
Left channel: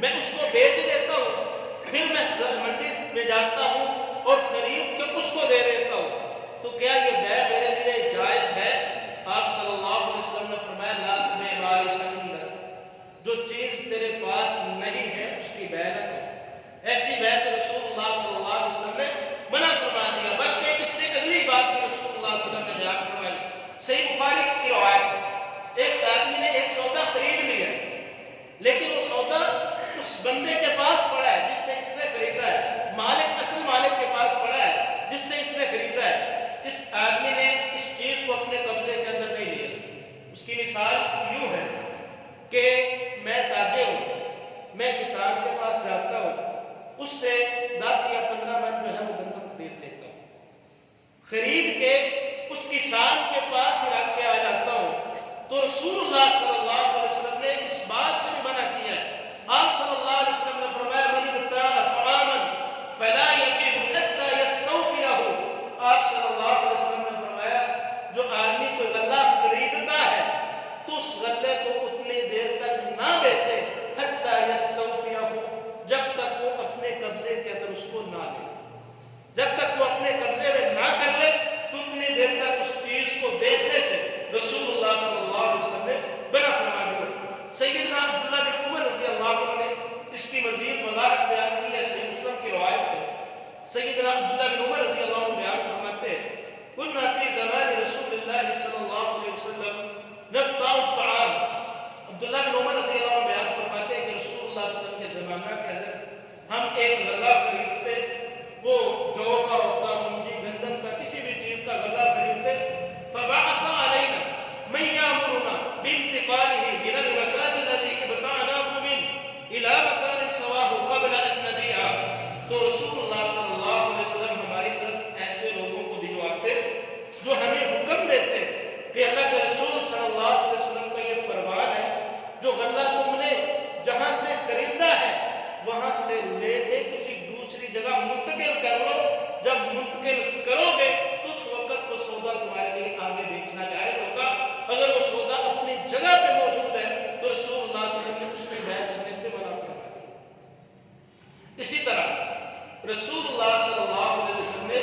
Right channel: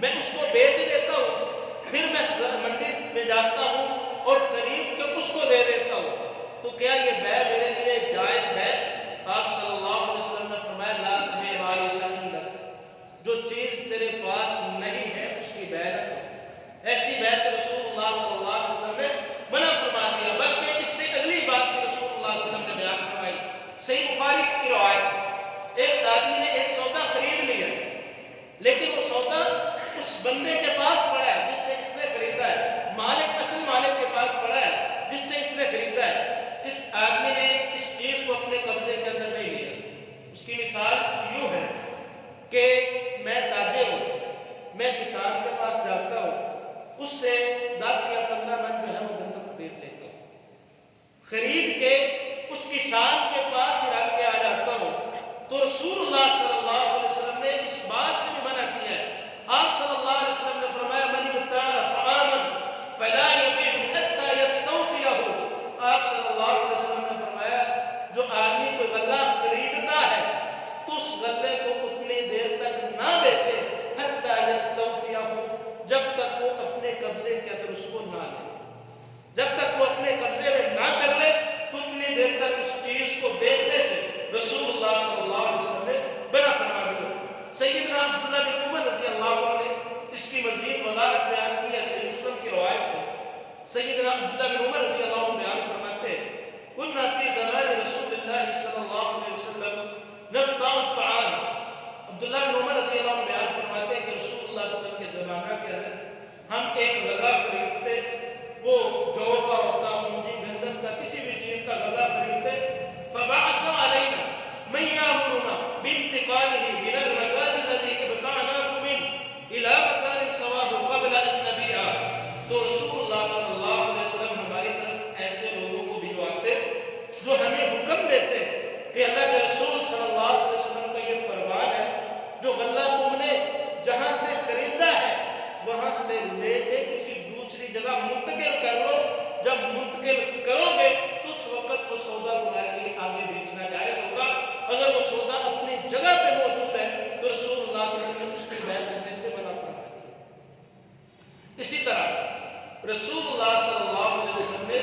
میں اس کو بیچ دیتا ہوں، پھر میں منڈی میں جاتا ہوں اور خرید کے اس کو دے دیتا ہوں، تو کیا یہ بیع میرے لیے جائز ہے؟ آپ صلی اللہ علیہ وسلم نے فرمایا لا تبیع ما لیس عندک، جو چیز تیرے پاس نہیں ہے اس کی بیع نہ کرو۔ ایسی بیع سے رسول اللہ صلی اللہ علیہ وسلم نے منع فرما دیا، بلکہ اس سے اگلی بات بھی رسول اللہ صلی اللہ علیہ وسلم نے بیان فرمائی۔ صحیح بخاری کی روایت ہے، ایک آدمی نے ایک سودا خرید لیا، لیکن وہ سودا اس بندے کے پاس پڑا ہے جس سے اس نے خریدا ہے، مالک اصل مالک کے پاس پڑا ہے جس سے اس نے خریدا ہے۔ اس آدمی نے اس چیز کو اپنے قبضے کے اندر نہیں لیا۔ اس کی مثال یوں ہے کہ میں تاجر ہوں، میں کسان کے پاس جاتا ہوں، اس سے 10 یا 15 من جو ہے وہ گندم خرید لیتا ہوں، خرید کے اس کسان کے پاس ہی رکھ کے آ جاتا ہوں، تو رسول اللہ صلی اللہ علیہ وسلم نے اس بات سے بھی منع کیا ہے۔ آپ صلی اللہ علیہ وسلم نے فرمایا من ابتاع طعاما فلا یبیعہ حتی یستوفیہ، آپ صلی اللہ علیہ وسلم نے فرمایا جو آدمی کوئی غلہ خریدتا ہے تو اس غلے کو اتنی دیر تک نہ بیچے حتی یستوفیہ، جب تک وہ اپنے قبضے کے اندر اس کو نہ لے، جب تک وہ اپنے قبضے میں نہ کر لے تو اتنی دیر تک اس چیز کو بیچنے سے رسول اللہ صلی اللہ علیہ وسلم نے منع فرما دیا۔ سیدنا عبداللہ بن عمر رضی اللہ عنہ نے اس کی مزید وضاحت بیان کی ہے، صحیح مسلم کی روایت ہے۔ سیدنا عبداللہ بن عمر رضی اللہ عنہ بیان فرماتے ہیں کنا فی زمان رسول اللہ صلی اللہ علیہ وسلم نبتاع الطعام، عبداللہ بن عمر رضی اللہ عنہ بیان فرماتے ہیں کہ رسول اللہ صلی اللہ علیہ وسلم کے زمانہ کے اندر ہم ایک غلہ خریدتے، وہ جو کا ہوتا، منجی، گندم کا، کسی بھی چیز کا غلہ خریدتے، فبعث علینا من یامرنا بانتقالہ من المکان الذی ابتعناہ من الی مکان سواہ قبل ان نبیع، تو رسول اللہ صلی اللہ علیہ وسلم ہماری طرف ایسے لوگوں کو بھجواتے جو ہمیں حکم دیتے کہ اللہ کے رسول صلی اللہ علیہ وسلم کا یہ فرمان ہے جو غلہ تم نے جہاں سے خریدا ہے وہاں سے لے کے کسی دوسری جگہ منتقل کر لو، جب منتقل کرو گے تو اس وقت وہ سودا تمہارے لیے آگے بیچنا جائز ہوگا، اگر وہ سودا اپنی جگہ پہ موجود ہے تو رسول اللہ صلی اللہ علیہ وسلم نے اس کی بیع کرنے سے منع فرما دیا۔ اسی طرح رسول اللہ صلی اللہ علیہ وسلم نے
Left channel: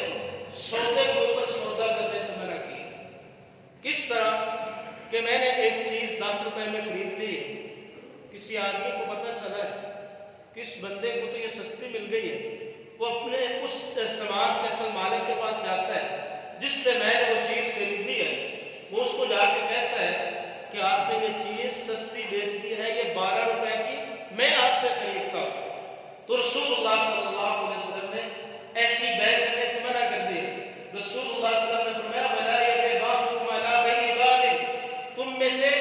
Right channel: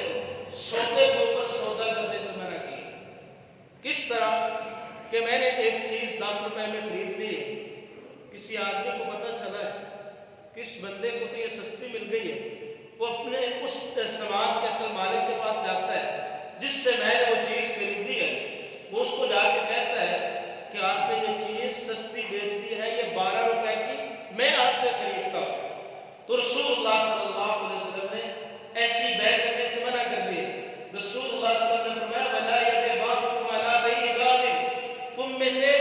سودے کے اوپر سودا کرنے سے منع کیا۔ کس طرح کہ میں نے ایک چیز 10 روپے میں خرید لی ہے، کسی آدمی کو پتہ چلا ہے کہ اس بندے کو تو یہ سستی مل گئی ہے، وہ اپنے اس سامان کے اصل مالک کے پاس جاتا ہے جس سے میں نے وہ چیز خریدی ہے، وہ اس کو جا کے کہتا ہے کہ آپ نے یہ چیز سستی بیچ دی ہے، یہ 12 روپے کی میں آپ سے خریدتا ہوں، تو رسول اللہ صلی اللہ علیہ وسلم نے ایسی بیع کرنے سے منع کر دی۔ رسول اللہ صلی اللہ علیہ وسلم نے فرمایا وَلَا يَبِعْ بَعْضُكُمْ عَلَىٰ بَيْعِ بَعْضٍ، تم میں سے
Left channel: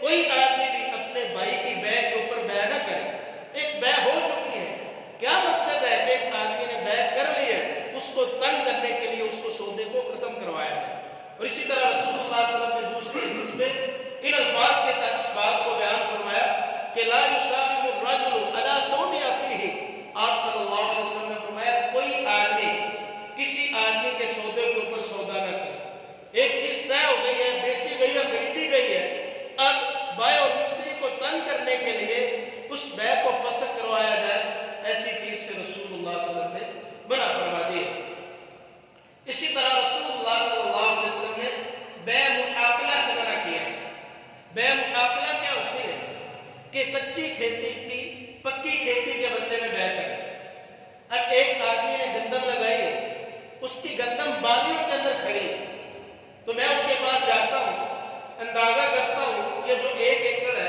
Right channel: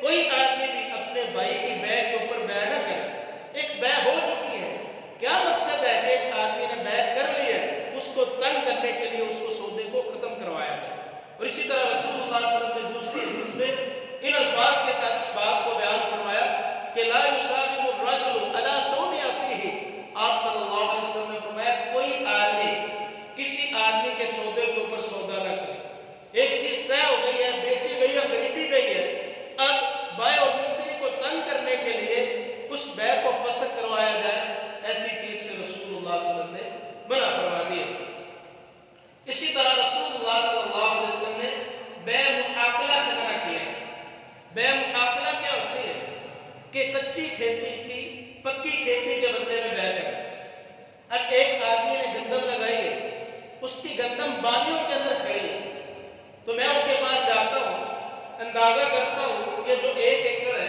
کوئی آدمی بھی اپنے بھائی کی بیع کے اوپر بیع نہ کرے۔ ایک بیع ہو چکی ہے، کیا مقصد ہے کہ ایک آدمی نے بیع کر لی ہے، اس کو تنگ کرنے کے لیے اس کو سودے کو ختم کروایا جائے۔ اور اسی طرح رسول اللہ صلی اللہ علیہ وسلم نے دوسری حدیث میں ان الفاظ کے ساتھ اس بات کو بیان فرمایا کہ لا یساوم الرجل علی صوم اخیہ، آپ صلی اللہ علیہ وسلم نے فرمایا کوئی آدمی کسی آدمی کے سودے کے اوپر سودا نہ کرے۔ ایک چیز طے ہو گئی ہے، بیچی گئی ہے، خریدی گئی ہے، اب بائع اور مشتری کو تنگ کرنے کے لیے اس بیع کو فسخ کروایا جائے، ایسی چیز سے رسول اللہ صلی اللہ علیہ وسلم نے منع فرما دیا۔ اسی طرح رسول اللہ صلی اللہ علیہ وسلم نے بیع محاقلہ سے منع کیا ہے۔ بیع محاقلہ کیا ہوتی ہے کہ کچی کھیتی کی پکی کھیتی کے بدلے میں بیع کرنا۔ اب ایک آدمی نے گندم لگائی ہے، اس کی گندم بالیوں کے اندر کھڑی ہے، تو میں اس کے پاس جاتا ہوں، اندازہ کرتا ہوں یہ جو 1 ایکڑ ہے،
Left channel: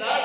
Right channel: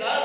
10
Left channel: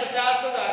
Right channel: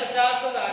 50,000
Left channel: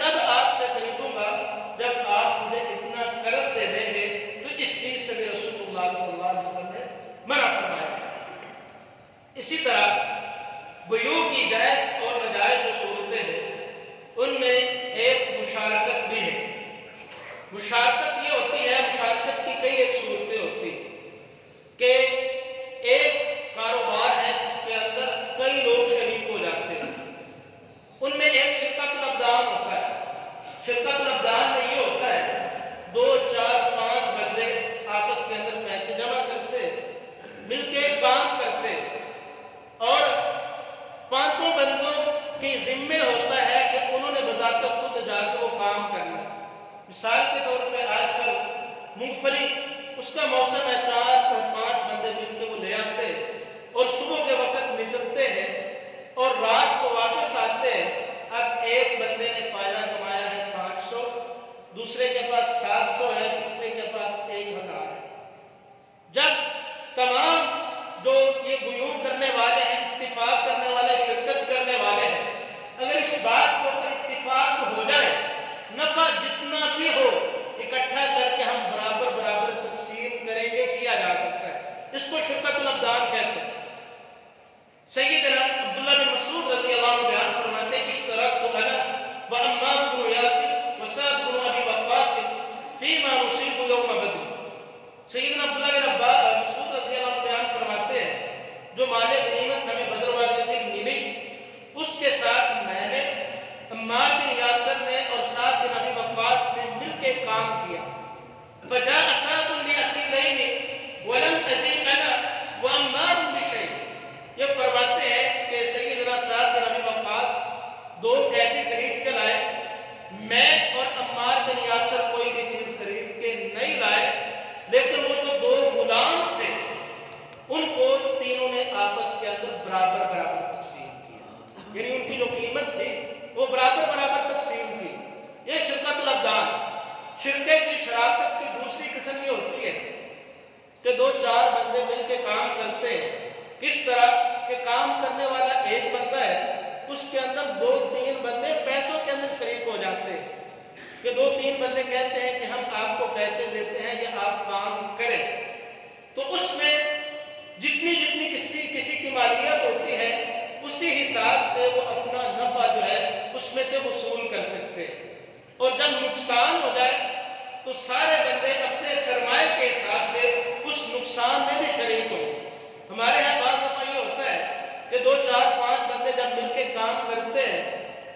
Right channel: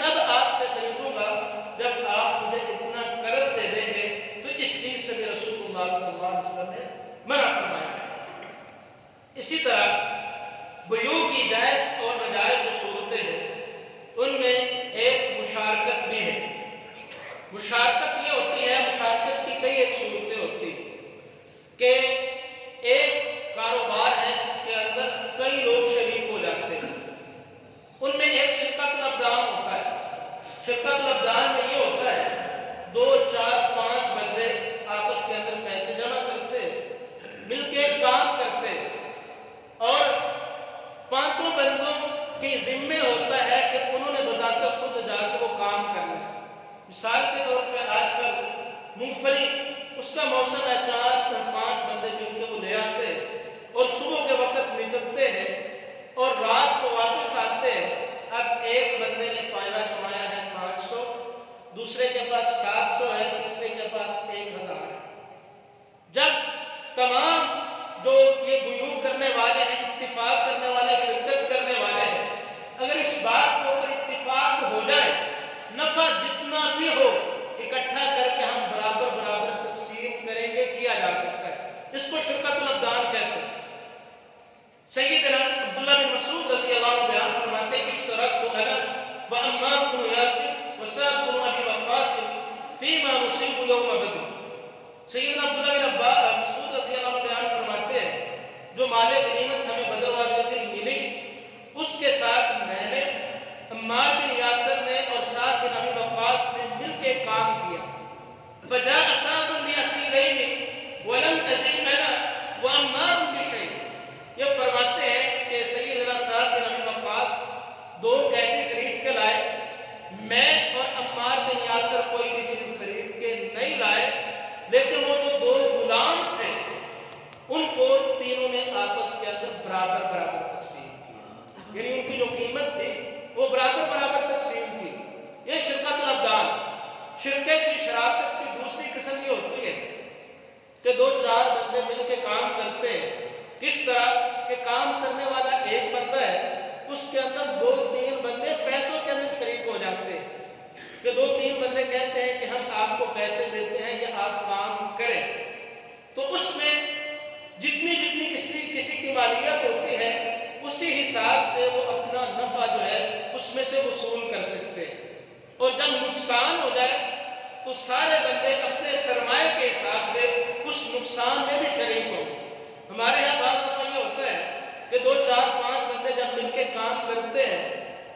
تب آپ سے خریدوں گا جب آپ مجھے اتنا قرض دے دیں گے۔ تو اس چیز سے بھی رسول اللہ صلی اللہ علیہ وسلم نے منع فرمایا۔ اسی طرح بیوع کی جائز اور ناجائز جو صورتیں ہیں ان میں ایک مشارکت بھی ہے۔ مشارکت یہ ہوتی ہے، مشارکت کی کئی ایک صورتیں ہوتی ہیں کہ ایک کاروبار ہے جس کے اندر کئی لوگ شریک ہو جاتے ہیں، ان میں ایک شرکت الابدان ہوتا ہے۔ شرکت الابدان میں یہ ہوتا ہے 2 4 5 بندے آپس کے اندر پیسے جمع کرتے، مل کے کام کرتے، اور پانچوں بندوں کے ذمے ہوتا ہے کہ انہوں نے بذات خود جا کے وہ کام کرنا ہے۔ مثال کے طور پہ آج کل مونگ پھلی اس کا موسم ہے، 4 5 بندے مل کے وہ لے آتے اور صبح کے وقت نکلتے ہیں اور رات کو واپس آتے ہیں۔ اب ایک بندے نے فائدہ کمایا ہے 500، دوسرے کے پاس 700 ہے، تیسرے کے پاس 1000 ہے۔ جب تمام جو یہ بیوع کرنے والے ہیں، اتفاق کرنے والے، شرکت کرنے والے ہیں، اگر اس بات کے اوپر اتفاق ہو جائے نفع جتنا بھی ہو اکٹھا کر کے ہم برابر برابر تقسیم کریں گے، کیا جا سکتا ہے۔ اس کو شرکت الابدان کہتے ہیں۔ سیدنا عبداللہ بن مسعود رضی اللہ عنہ بیان فرماتے ہیں اشترکت انا وعمار بن یاسر وسعد بن ابی وقاص فیما نصیب یوم بدر۔ سیدنا عبداللہ بن مسعود رضی اللہ عنہ بیان فرماتے ہیں جو مال غنیمت ہمیں بدر والے دن ملی اس کے ساتھ میں نے، عمار بن یاسر نے اور سعد بن ابی وقاص نے مل کے کام کیا۔ فجاء سعد باسیرین ولم اجی انا وعمار بشیء۔ یہ فرماتے ہیں کہ سیدنا سعد بن ابی وقاص 2 قیدی خرید کے لائے، میں اور عمار بن یاسر کوئی بھی چیز خرید کے نہیں لائے، لیکن وہ جو 2 غلام تھے ان کو تینوں نے آپس کے اندر برابر برابر تقسیم کیا، یعنی ان کی جو قیمت تھی وہ برابر برابر تقسیم تھی۔ یہ شرکت الابدان۔ شرکے کی شراکت کی دوسری قسم یہ ہوتی ہے کہ 2 4 بندے مل کے کام کرتے ہیں۔ کس طرح کہ کام کرنے والا ایک بندہ ہے، اس کے اندر 2 3 بندے پیسوں کے اندر شریک ہو جاتے ہیں کہ 2 3 بندے کہتے ہیں کہ ہم آپ کو پیسے دیتے ہیں یا آپ کام کریں، تو اس میں جتنی جتنی کسی کی مالیت ہوتی ہے اسی حساب سے وہ اپنا نفع جو ہے اس میں سے وصول کر سکتے ہیں، اور جب نقصان ہو جائے تو سارے بندے اپنے سرمایہ کے حساب سے اس نقصان میں بھی شریک ہوں گے۔ ہمارے ہاں بعض دفعہ یہ ہوتا ہے کہ 2 4 5 بندے جب مل کے کام کرتے ہیں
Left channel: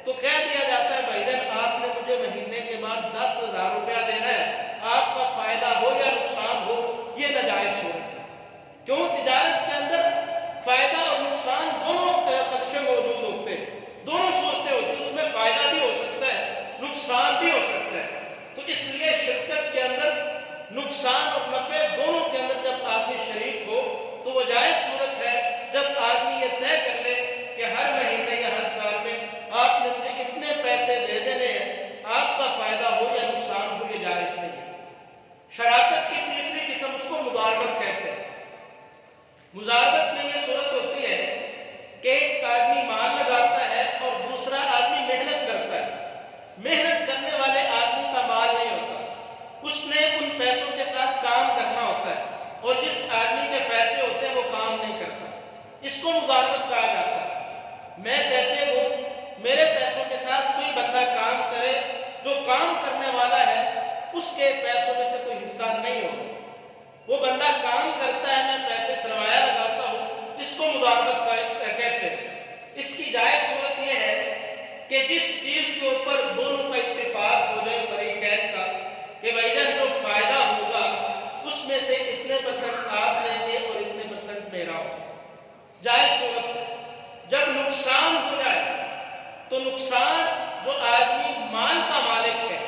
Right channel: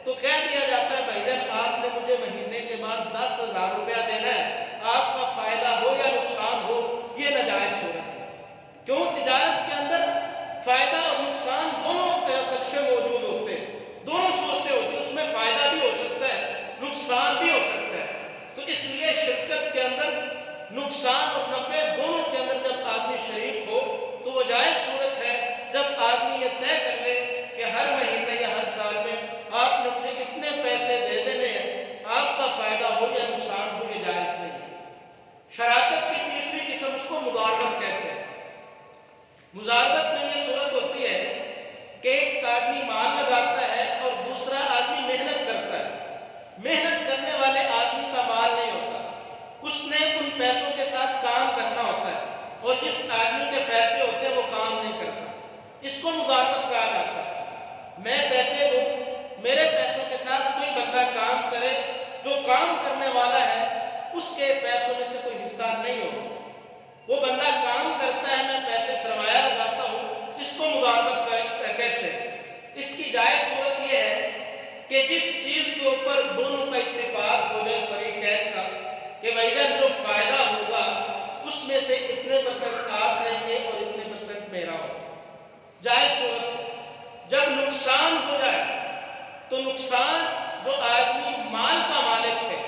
تو کہہ دیا جاتا ہے بھائی جان آپ نے مجھے مہینے کے بعد 10,000 روپیہ دینا ہے، آپ کا فائدہ ہو یا نقصان ہو۔ یہ ناجائز صورت ہے، کیوں؟ تجارت کے اندر فائدہ اور نقصان دونوں خدشے موجود ہوتے ہیں، دونوں صورتیں ہوتی ہیں، اس میں فائدہ بھی ہو سکتا ہے، نقصان بھی ہو سکتا ہے۔ تو اس لیے شرکت کے اندر نقصان اور نفع دونوں کے اندر جب آدمی شریک ہو تو وہ جائز صورت ہے جب آدمی یہ طے کر لے کہ ہر مہینے یا ہر سال میں آپ نے مجھے اتنے پیسے دے دینے ہیں، آپ کا فائدہ ہو یا نقصان ہو، یہ جائز نہیں ہے۔ شراکت کی تیسری قسم اس کو مضاربت کہتے ہیں۔ مضاربت میں یہ صورت ہوتی ہے کہ ایک آدمی مال لگاتا ہے اور دوسرا آدمی محنت کرتا ہے۔ محنت کرنے والے آدمی کا مال نہیں ہوتا، اس نے ان پیسوں کے ساتھ کام کرنا ہوتا ہے، اور جس آدمی کے پیسے ہوتے ہیں وہ کام نہیں کرتا۔ اس کو مضاربت کہا جاتا ہے۔ میں پیسے دوں، میرے پیسوں کے ساتھ کوئی بندہ کام کرے، جو کام کرنے والا ہے اس کے پیسوں میں سے کوئی حصہ نہیں ہوگا۔ وہ بندہ کام کرتا ہے، میں پیسے سرمایہ لگاتا ہوں، اس کو مضاربت کہتے ہیں۔ اس کی جائز صورت یہ ہے کہ جس چیز کے اوپر دونوں کا اتفاق ہو جائے فریقین کا کہ بھائی جان جو فائدہ ہوگا اس میں سے اتنے % آپ لیں گے اور اتنے % میرا ہوگا، جائز صورت ہے۔ جب نقصان ہو جائے تو نقصان جو آدمی مال کا مالک ہے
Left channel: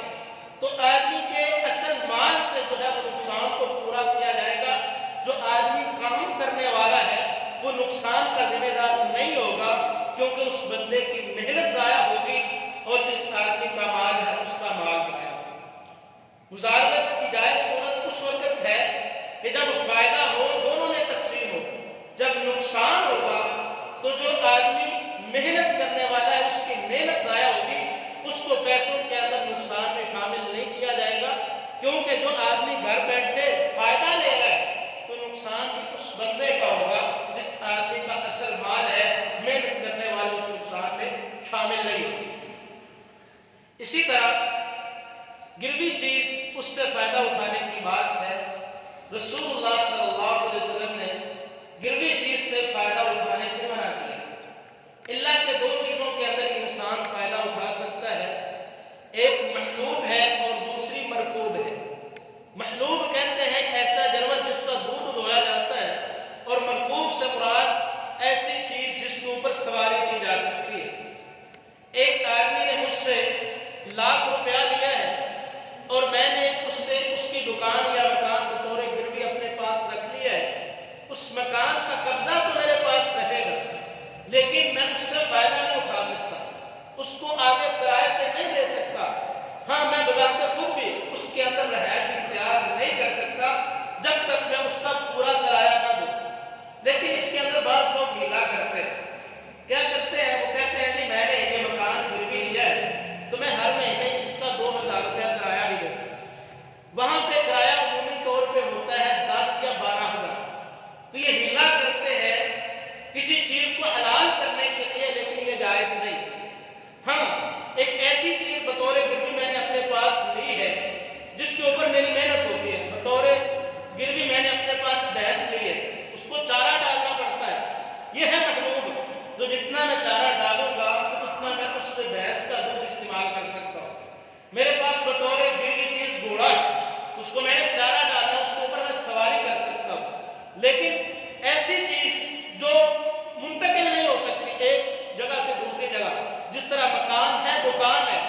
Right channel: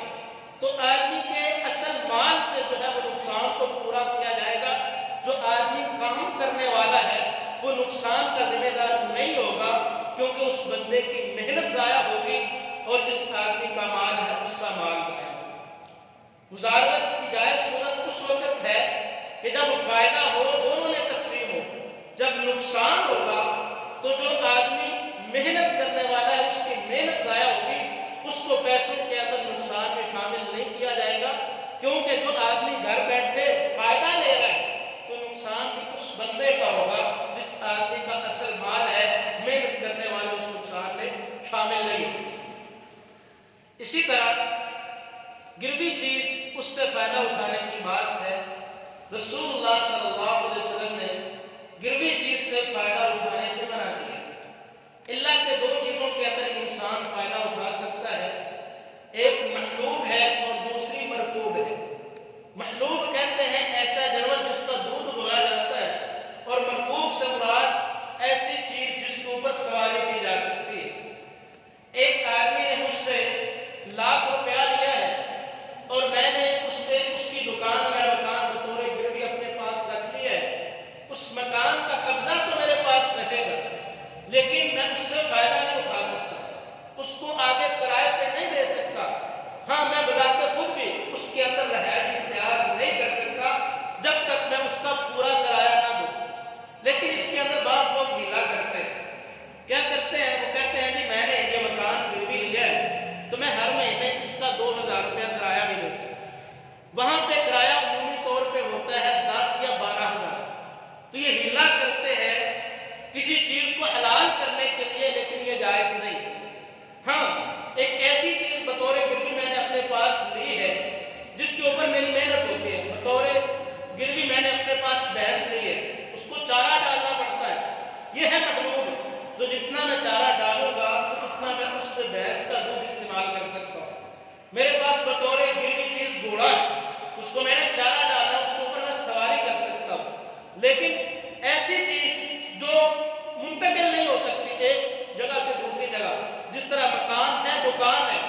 تو آدمی کے اصل مال سے جو ہے وہ نقصان کو پورا کیا جائے گا۔ جو آدمی کام کرنے والا ہے وہ نقصان کا ذمہ دار نہیں ہوگا، کیونکہ اس بندے کی محنت ضائع ہوگی اور جس آدمی کا مال ہے اس کا مال ضائع ہوگا۔ مضاربت کی جائز صورت اس وقت ہے کہ جب فائدہ ہو دونوں میں تقسیم ہو، جب نقصان ہوگا تو جو آدمی محنت کرنے والا ہے اس کی محنت ضائع ہوگی، اس کو پیسوں کے اندر نقصان میں شامل نہیں کیا جائے گا، کیونکہ جو آدمی گھر بیٹھے فائدہ لے رہا ہے تو نقصان بھی اس بندے کا ہوگا جس آدمی کا اصل مال ہے، محنت کرنے والے اس نقصان میں شامل نہیں ہوگی۔ اسی طرح گروی چیز اس سے فائدہ اٹھانے کی بات ہے، رسول اللہ صلی اللہ علیہ وسلم نے گروی چیز سے فائدہ اٹھانے سے منع کیا، اللہ کے دو چیزوں کے اندر انسان فائدہ اٹھا سکتا ہے، ایک محلوب ہے اور دوسری مرکوب ہے۔ محلوب کہتے ہیں ایسا جانور جس کا دودھ دہایا جاتا ہے، اور مرکوب سے مراد ایسی چیز جس کے اوپر سواری کی جا سکتی ہے۔ ایک آدمی نے مجھ سے ₹1,00,000 لیا ہے اور میں نے اس سے اس کی دکان یا مکان بطور گروی اپنے پاس رکھ لیا ہے، اس مکان کا قبضہ تو میرے پاس رہے گا، لیکن میں اس سے فائدہ نہیں اٹھا سکتا، اس کو آگے کرائے پہ نہیں دے سکتا۔ ہاں، میں بذات خود بھی اس کے اندر رہائش اختیار نہیں کر سکتا جب تک میں اس کا پورا کرایہ نہ دوں۔ لیکن اس کے اندر بعض لوگ ہیلا کرتے ہیں، کیا کرتے ہیں؟ وہ کہتے ہیں جی میں نے یہ مکان گروی لیا ہے تو میں ہر مہینے اس کا ₹2,000 کرایہ بھی دیتا ہوں۔ وہاں پہ کرایہ عمومی طور پہ ہوتا ہے 10 یا 12,000۔ تو یہ ہیلا کرتے ہیں کسی چیز کو حلال کرنے کے لیے، لیکن یہ جائز نہیں۔ ہاں، ایک ایسی چیز بطور گروی میں نے اپنے پاس لی ہے جس کے اوپر میری محنت ہوتی ہے، بطور گروی میں نے اپنے پاس بھینس لی ہے، اس کو چارہ ڈالنا پڑتا ہے، یہ ہے محلوب۔ تو جتنا میں چارہ ڈالوں گا تو اتنا میں اس سے بھینس کا دودھ استعمال کر سکتا ہوں۔ میرے پاس بطور گروی چیز گھوڑا ہے، اس کو میں نے چارہ ڈالنا، اس کے اوپر میں سواری کر سکتا ہوں۔ لیکن ایسی چیز جو منتقل نہیں ہو سکتی ایک جگہ سے دوسری جگہ، جس طرح مکان ہے، دکان ہے،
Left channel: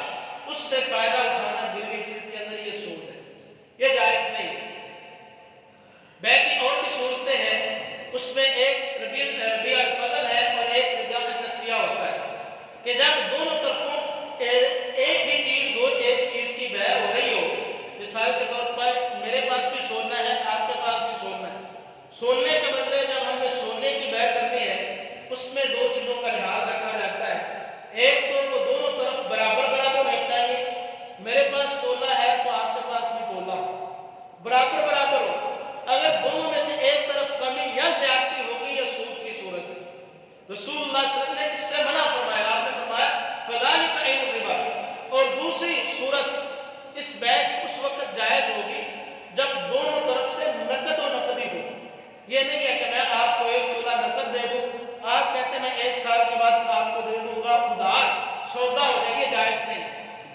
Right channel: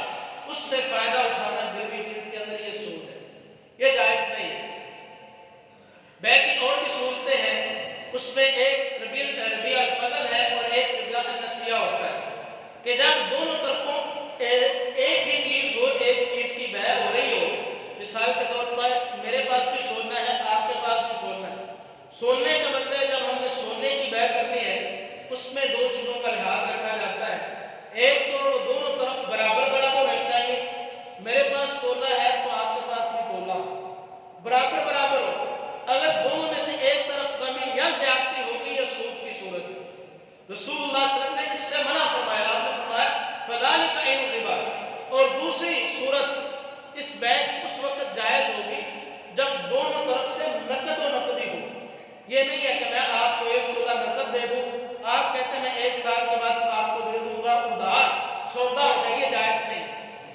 اس سے فائدہ اٹھانا گروی چیز کے اندر یہ سود ہے، یہ جائز نہیں ہے۔ بے کی اور بھی صورتیں ہیں، اس میں ایک ربیع الفضل ہے اور ایک ربیع النسیہ ہوتا ہے کہ جب دونوں طرفوں ایک ہی چیز ہو، ایک چیز کی بے ہو رہی ہو، مثال کے طور پر میرے پاس بھی سونا ہے، آپ کے پاس بھی سونا ہے، سونے کے بدلے جب ہم نے سونے کی بے کرنی ہے، اس میں دو چیزوں کا لحاظ رکھا جاتا ہے۔ ایک تو وہ دونوں طرف برابر برابر ہونا چاہیے، میرے پاس تولہ ہے تو آپ کے پاس بھی تولہ ہو، برابر برابر ہو۔ اگر دونوں میں سے ایک طرف کمی یا زیادتی ہوگی یا سود کی صورت ہے، رسول اللہ صلی اللہ علیہ وسلم نے اس سے منع فرمایا، آپ نے فرمایا فَذَلِكَ عَيْنُ الرِّبَا۔ اور دوسری صورت اس بے کی اس وقت جائز ہوگی جب دونوں طرف سے نقد و نقدی ہو۔ یہ نہیں ہے کہ میں آپ کو 1 تولہ نقد دے دوں، آپ کہتے ہیں میں 1 سال کے بعد آپ کو دے دوں گا ادھار، سودا ہو جائے، یہ جائز نہیں۔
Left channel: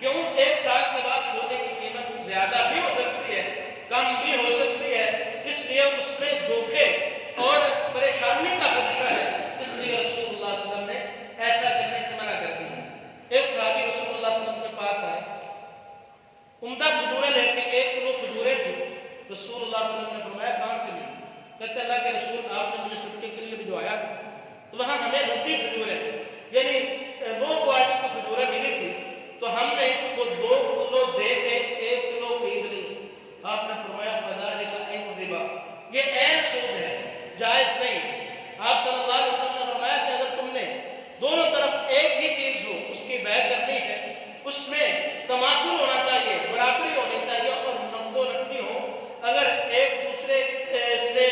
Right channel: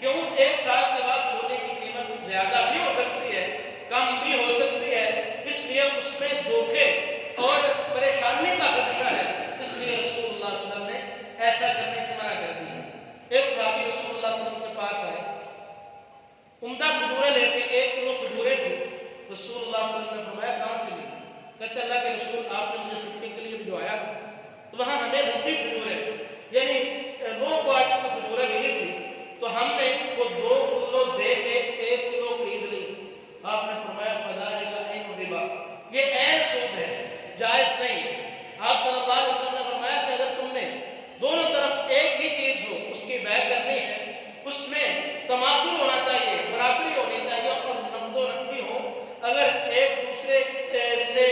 کیوں؟ 1 سال کے بعد سونے کی قیمت زیادہ بھی ہو سکتی ہے، کم بھی ہو سکتی ہے، اس لیے اس میں دھوکے اور پریشانی کا خدشہ ہے، اس لیے رسول اللہ صلی اللہ علیہ وسلم نے ایسا کرنے سے منع کر دی ہے۔ ایک صحابی رسول اللہ صلی اللہ علیہ وسلم کے پاس آئے، عمدہ کھجوریں لے کے، 1 کلو کھجوریں تھی، رسول اللہ صلی اللہ علیہ وسلم نے فرمایا کہاں سے لی؟ کہتے اللہ کے رسول آپ نے مجھے صدقے کے لیے بھجوایا تھا، تو وہاں ہمیں ردی کھجوریں یعنی لو کوالٹی کی کھجوریں ملی تھی، تو ہم نے وہ 2 کلو دے کے 1 کلو خرید لی۔ آپ نے فرمایا فَذَلِكَ عَيْنُ الرِّبَا، یہ عین سود ہے، جائز نہیں ہے۔ آپ صلی اللہ علیہ وسلم نے فرمایا کہ اگر تم نے دونوں طرف ایک ہی چیز ہو، اس کی بے کرنی ہے، اس میں تماثل ہونا چاہیے، برابری ہونی چاہیے اور نقد و نقدی ہو۔ اگر ایک دوسرے سے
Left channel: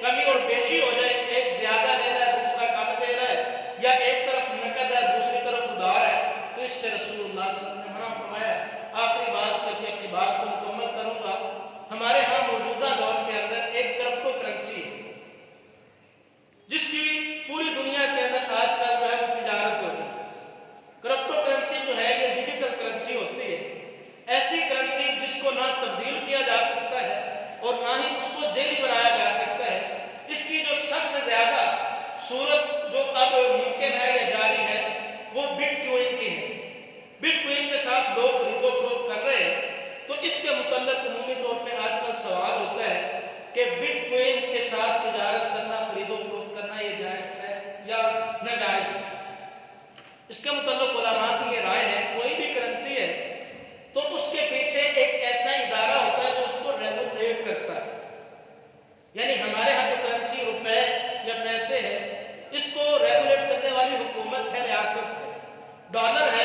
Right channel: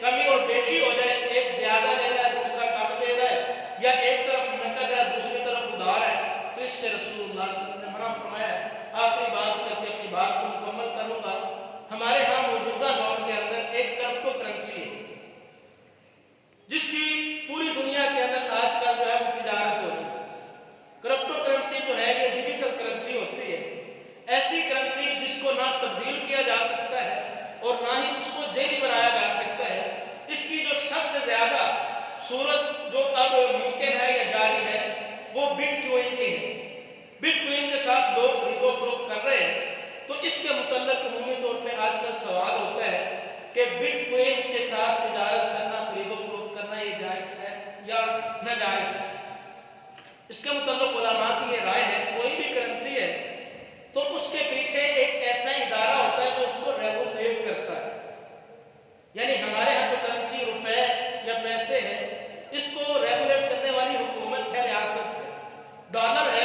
کمی اور بیشی ہو جائے، ایک زیادہ لے رہا ہے دوسرا کم دے رہا ہے، یا ایک طرف نقد ہے دوسری طرف ادھار ہے، تو اس سے رسول اللہ صلی اللہ علیہ وسلم نے منع فرمایا ہے۔ آخری بات کر کے اپنی بات کو مکمل کروں گا۔ ہمارے ہاں موجودہ دور کے اندر ایک کرپٹو کرنسی ہے جس کی پوری دنیا کے اندر آج کل جو ہے وہ تجارت ہو رہی ہے۔ کرپٹو کرنسی جو ہے یہ ڈیجیٹل کرنسی ہوتی ہے، ایسی کرنسی جس کو نہ تبدیل کیا جا سکتا ہے اور نہ ہی اس کو جعلی بنایا جا سکتا ہے۔ اس کی جو سب سے زیادہ صورت جو اب ممکن ہے یا جاری ہے وہ بٹ کوئن کی ہے۔ بٹ کوئن کے ساتھ لوگ خرید و فروخت کر رہے ہیں، تو اس کے متعلق عمومی طور پہ آج کل سوال ہوتا ہے کہ بٹ کوئن کے ساتھ تجارت کرنا، خرید و فروخت کرنا یہ جائز ہے یا ناجائز ہے؟ اس کے متعلق علماء کی یہ رائے ہے، کوئی بھی کرنسی ہے تو اس کے پیچھے ایک ایسا ادارہ ہوتا ہے جو اس کو ریگولیٹ کرتا ہے۔ یعنی ہمارے ہاں جو کرنسی روپے یا پیسے ہے، اس کو ریگولیٹ کرنے والی حکومت ہے، ریاست ہے۔ ڈالر ہے،